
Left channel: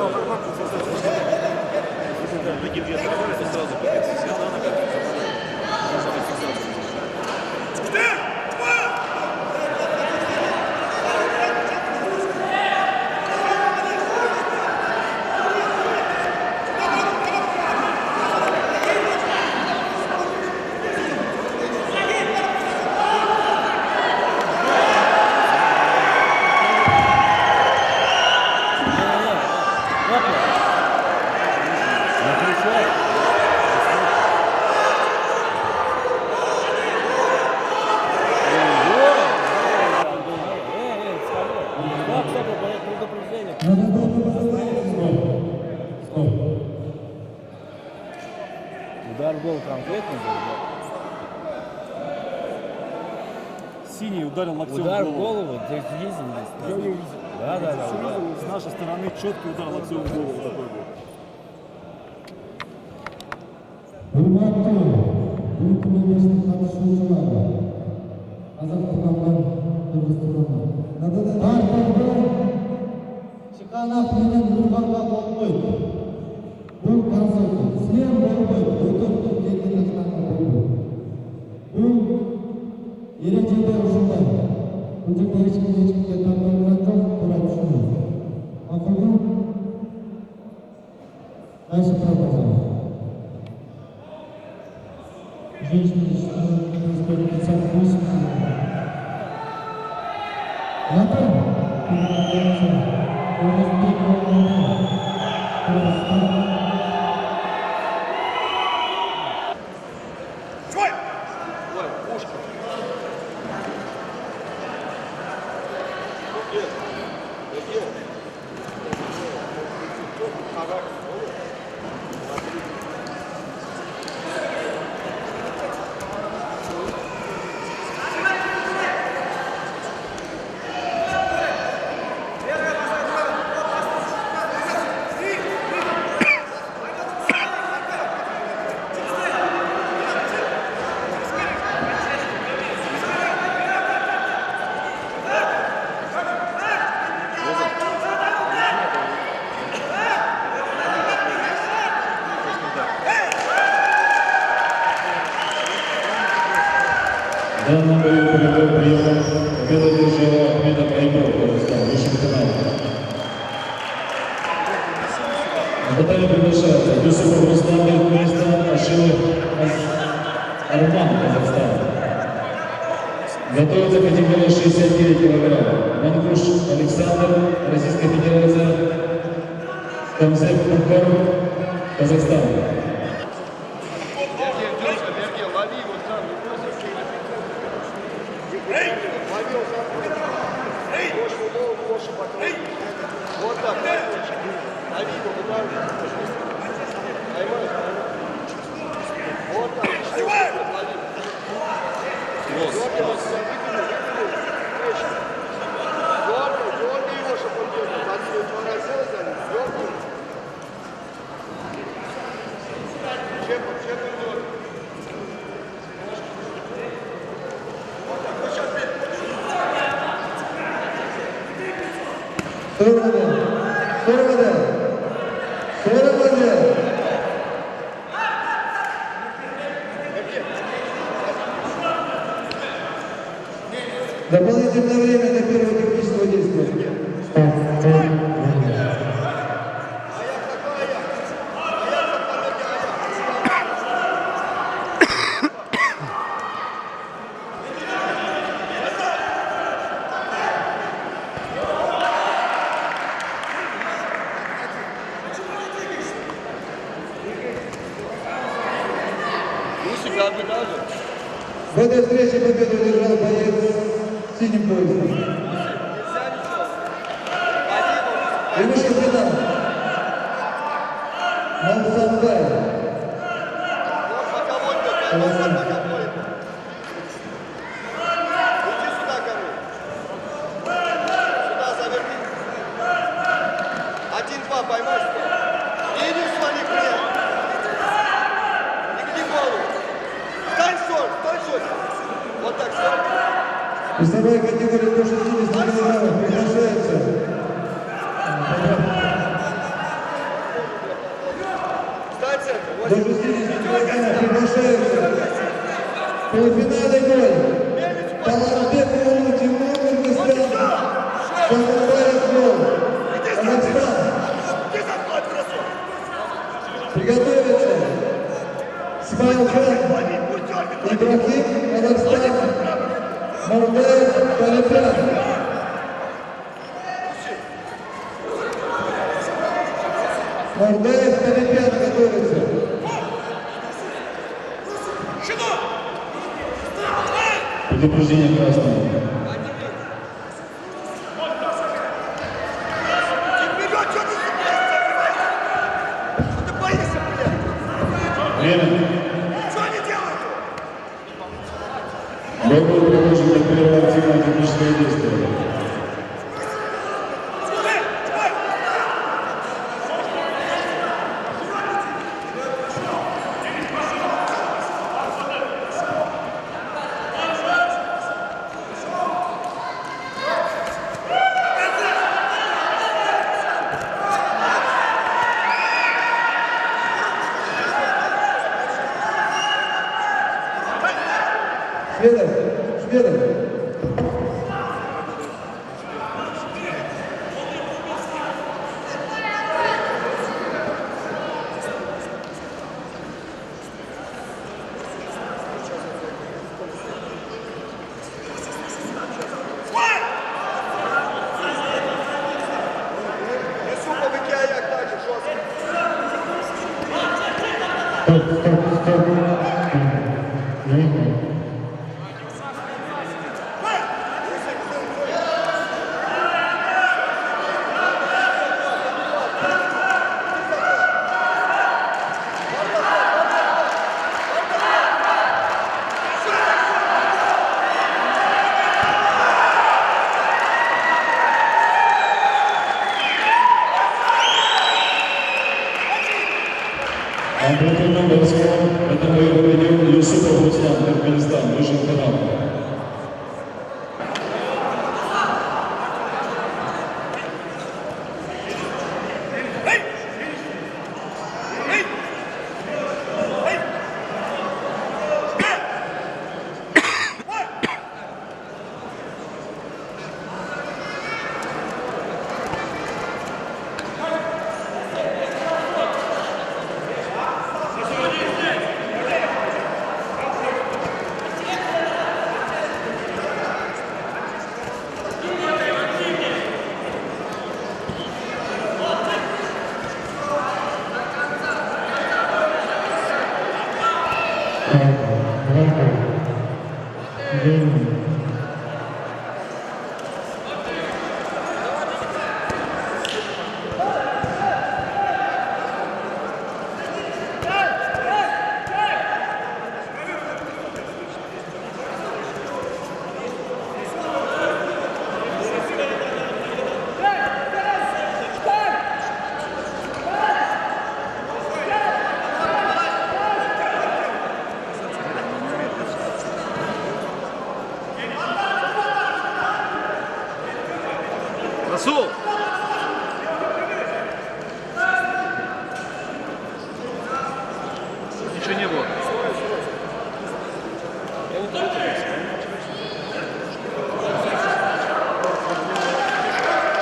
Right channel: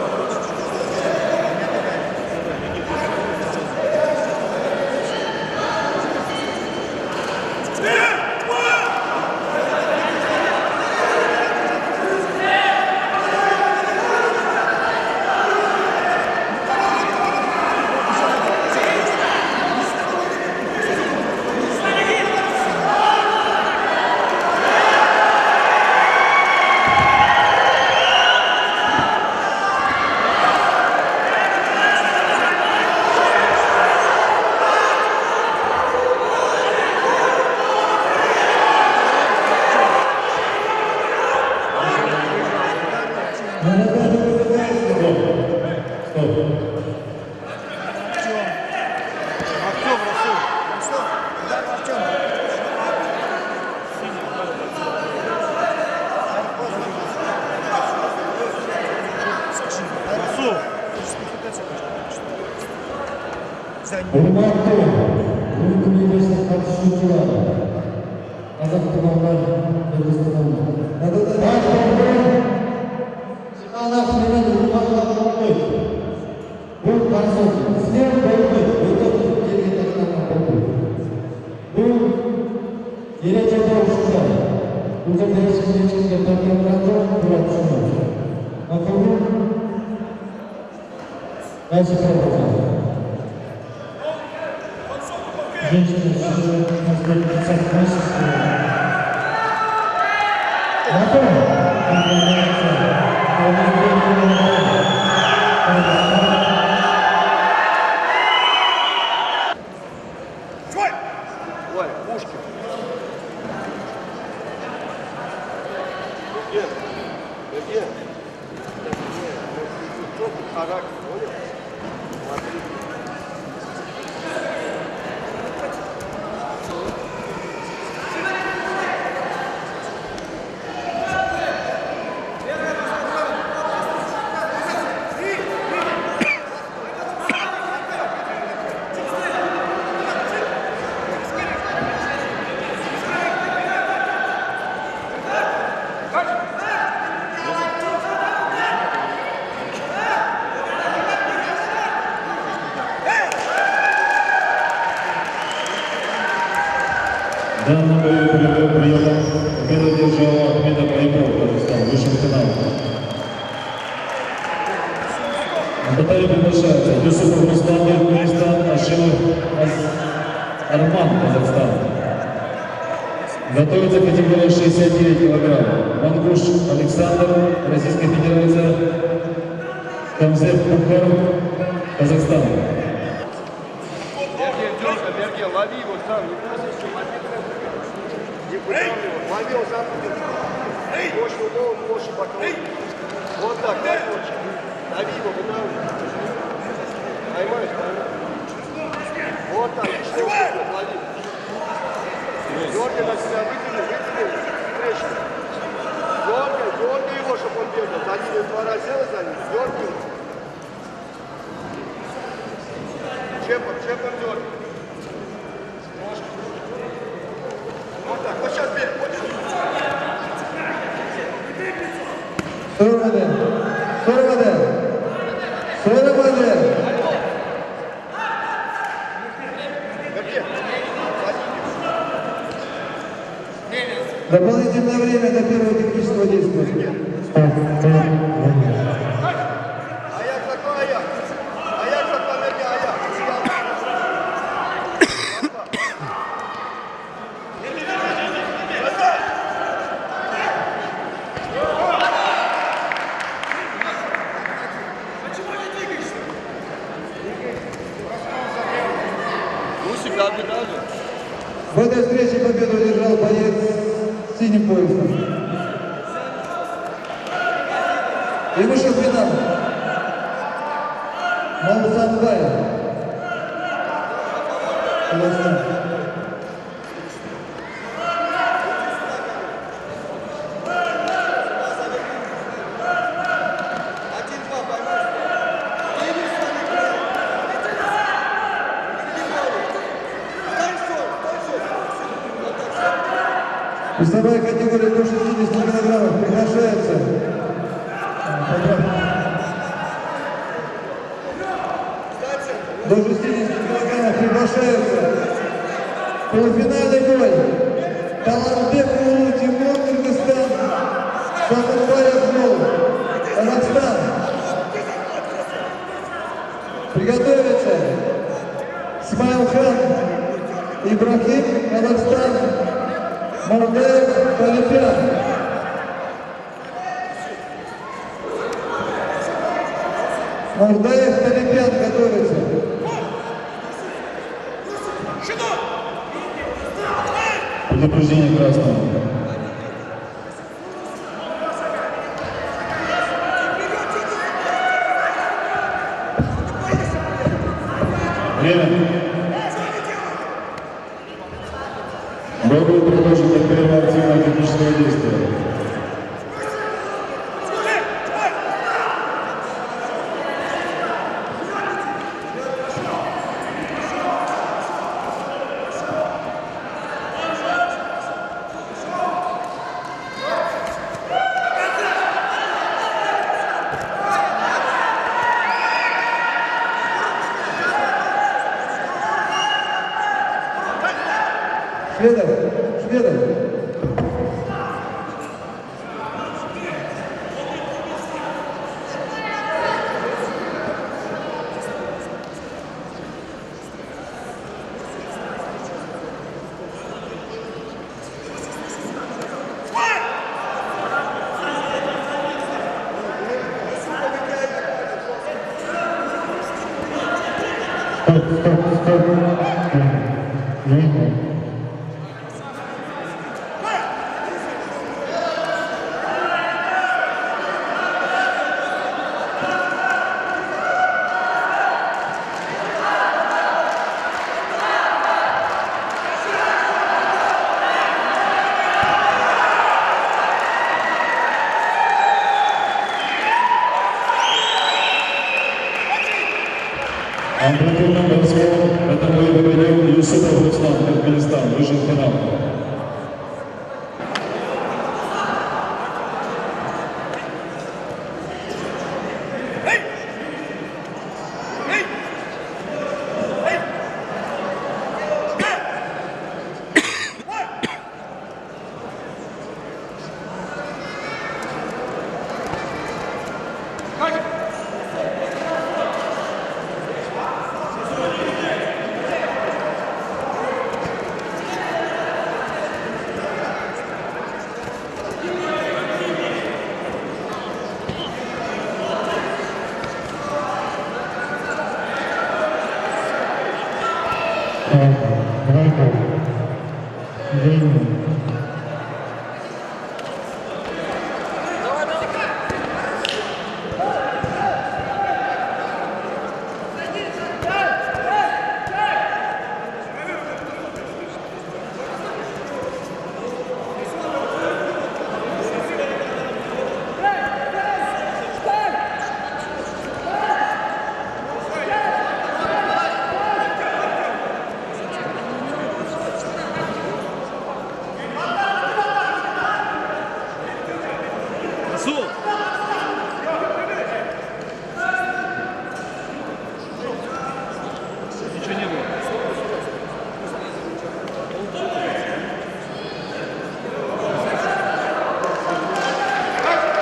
Синий удар на голову. Hurmatli Bugun Kengashda qatnashuvchilar, aziz tumanlar, O'zbekistonda. Chiqanaq meni hurmatlab qo'ying. Bu qarsoq, sen bo'lib, o'tib kelgan narsalarni Bu kelajakda o'shanda o'zim berishga chiqgan tartiblarda to'g'ri tushunadi. Aqlli Nasib bo'ladi. Женщины, последние 50 месяцев. Ой, Пушкин. Где? Характер, понял? Смотри. В данном бою полевой прием победу держала Ахмедов Айков, Казахстан, высший лейтенант. На баталию приглашается Юсупов Руслан, Туркменистан, Ашилов Арман, Казахстан. Готовится категория 69 кг. Мангуш Александр, Российская Федерация. Камзеп Бухаров, Казахстан. Сергей, лови его сам, не бойся. Лови его сам. Ложь в голову, ложь в бокал. Вот так, лови его, вынавливай. Поймаешь, вот так, лови. Дергай на себя, вытяни, встречу. Дергай его, чтобы он бегал. За ним 2 раза Дополнительное время до первого технического действия. В этой встрече победу одержал боец с синим поясом. И вышел в финал. Малсанбай. Весовая категория до 60 килограммов приглашается до 60 килограммов приглашаются полуфинальный бой Таларбек Улу Тимур, Кыргызстан, Шахубаев Мол, Казахстан. Приготовиться Смайлхан Ибрахим, Казахстан, Мардаев, Талипян. Мардаев, Талипян готовится. Предупреждение красного. Время. Бой был предложен для первого активного технического действия. Шведов. Амплитудным броском это бой победил Юсупов Руслан, Туркменистан, вышел в финал.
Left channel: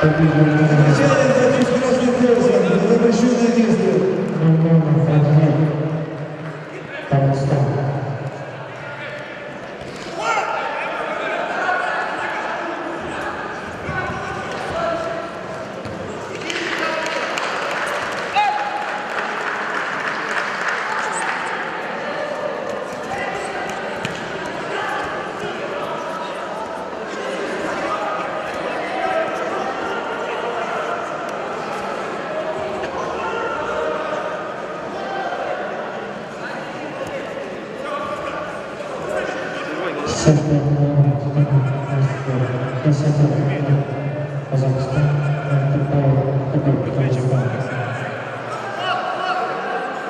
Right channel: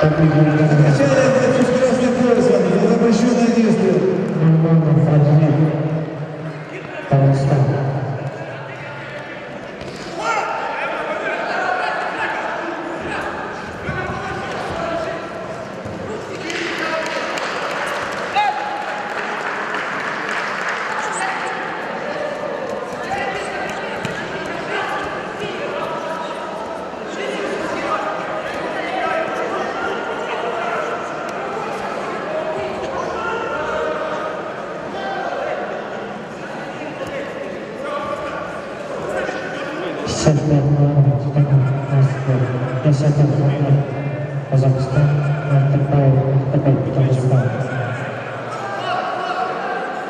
Отвечание за чуть красный пояс, за запрещенное действие.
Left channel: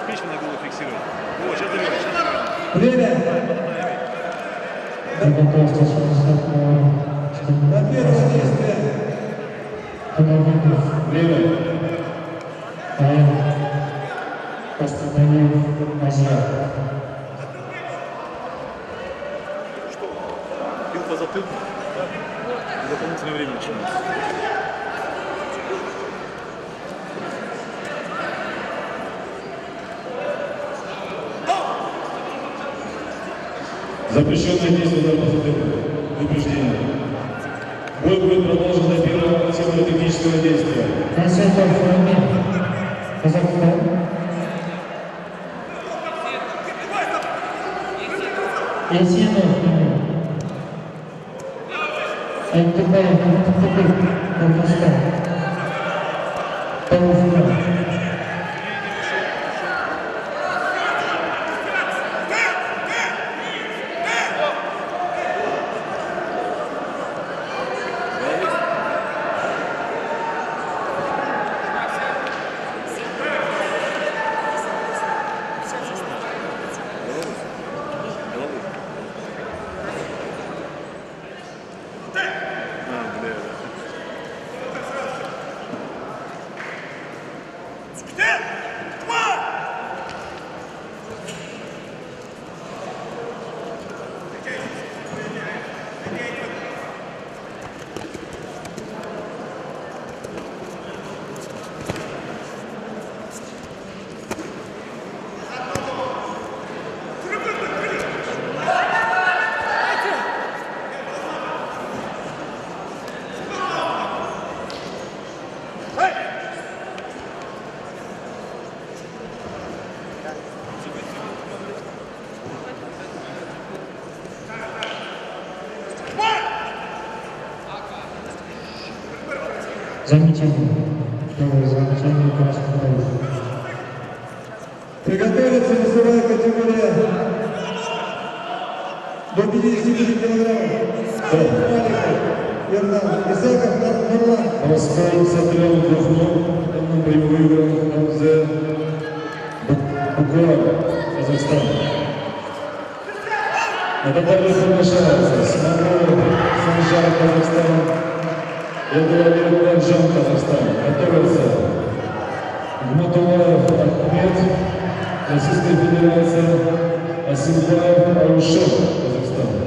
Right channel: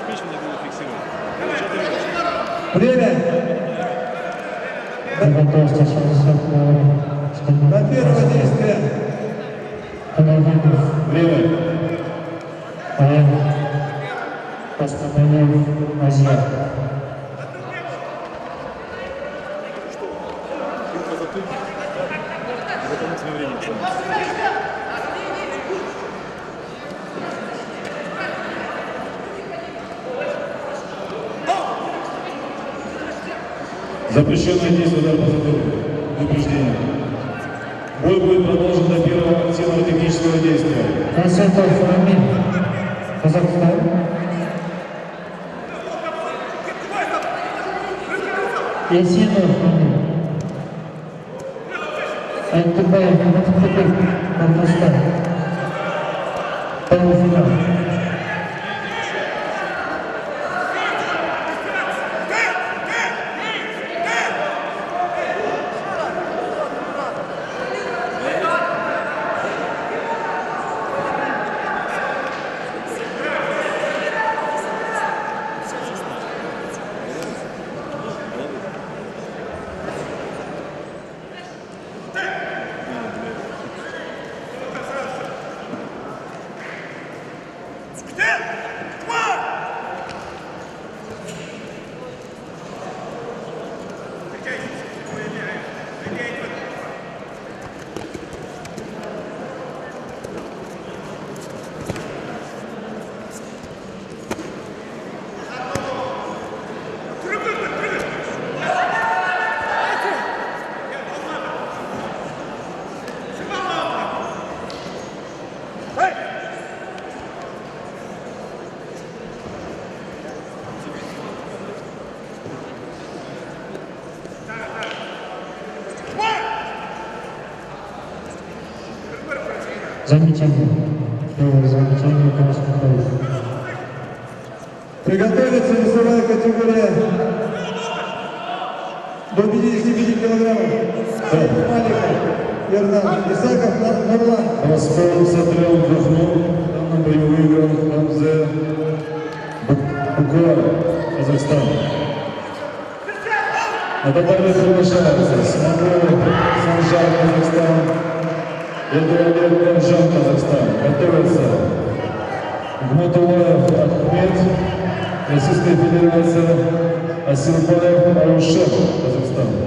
Печень не было фиксировать. Ну, что ты видишь? Время. До первого действия. Время. Бил по затылку. И дополнительное время начинается. Запрещенное действие удар по затылку. Предупреждение. Бой будет продолжен до первого силово-технического действия. Замечание. Первое замечание красный пояс. Приготовиться весовая категория до 55 килограммов. Маликов, Ердан, Исаков, Нурлан. Раскол Сатрел Духнул. Давно бою выиграл Хамзе Букуар, Казахстан. Это также приглашается Смогов, Санжар, Казахстан. Эдуард Бенжан, Казахстан. Готовится Гматулаев Ахмед, Российская Федерация. Асилбаев Арушев, Казахстан.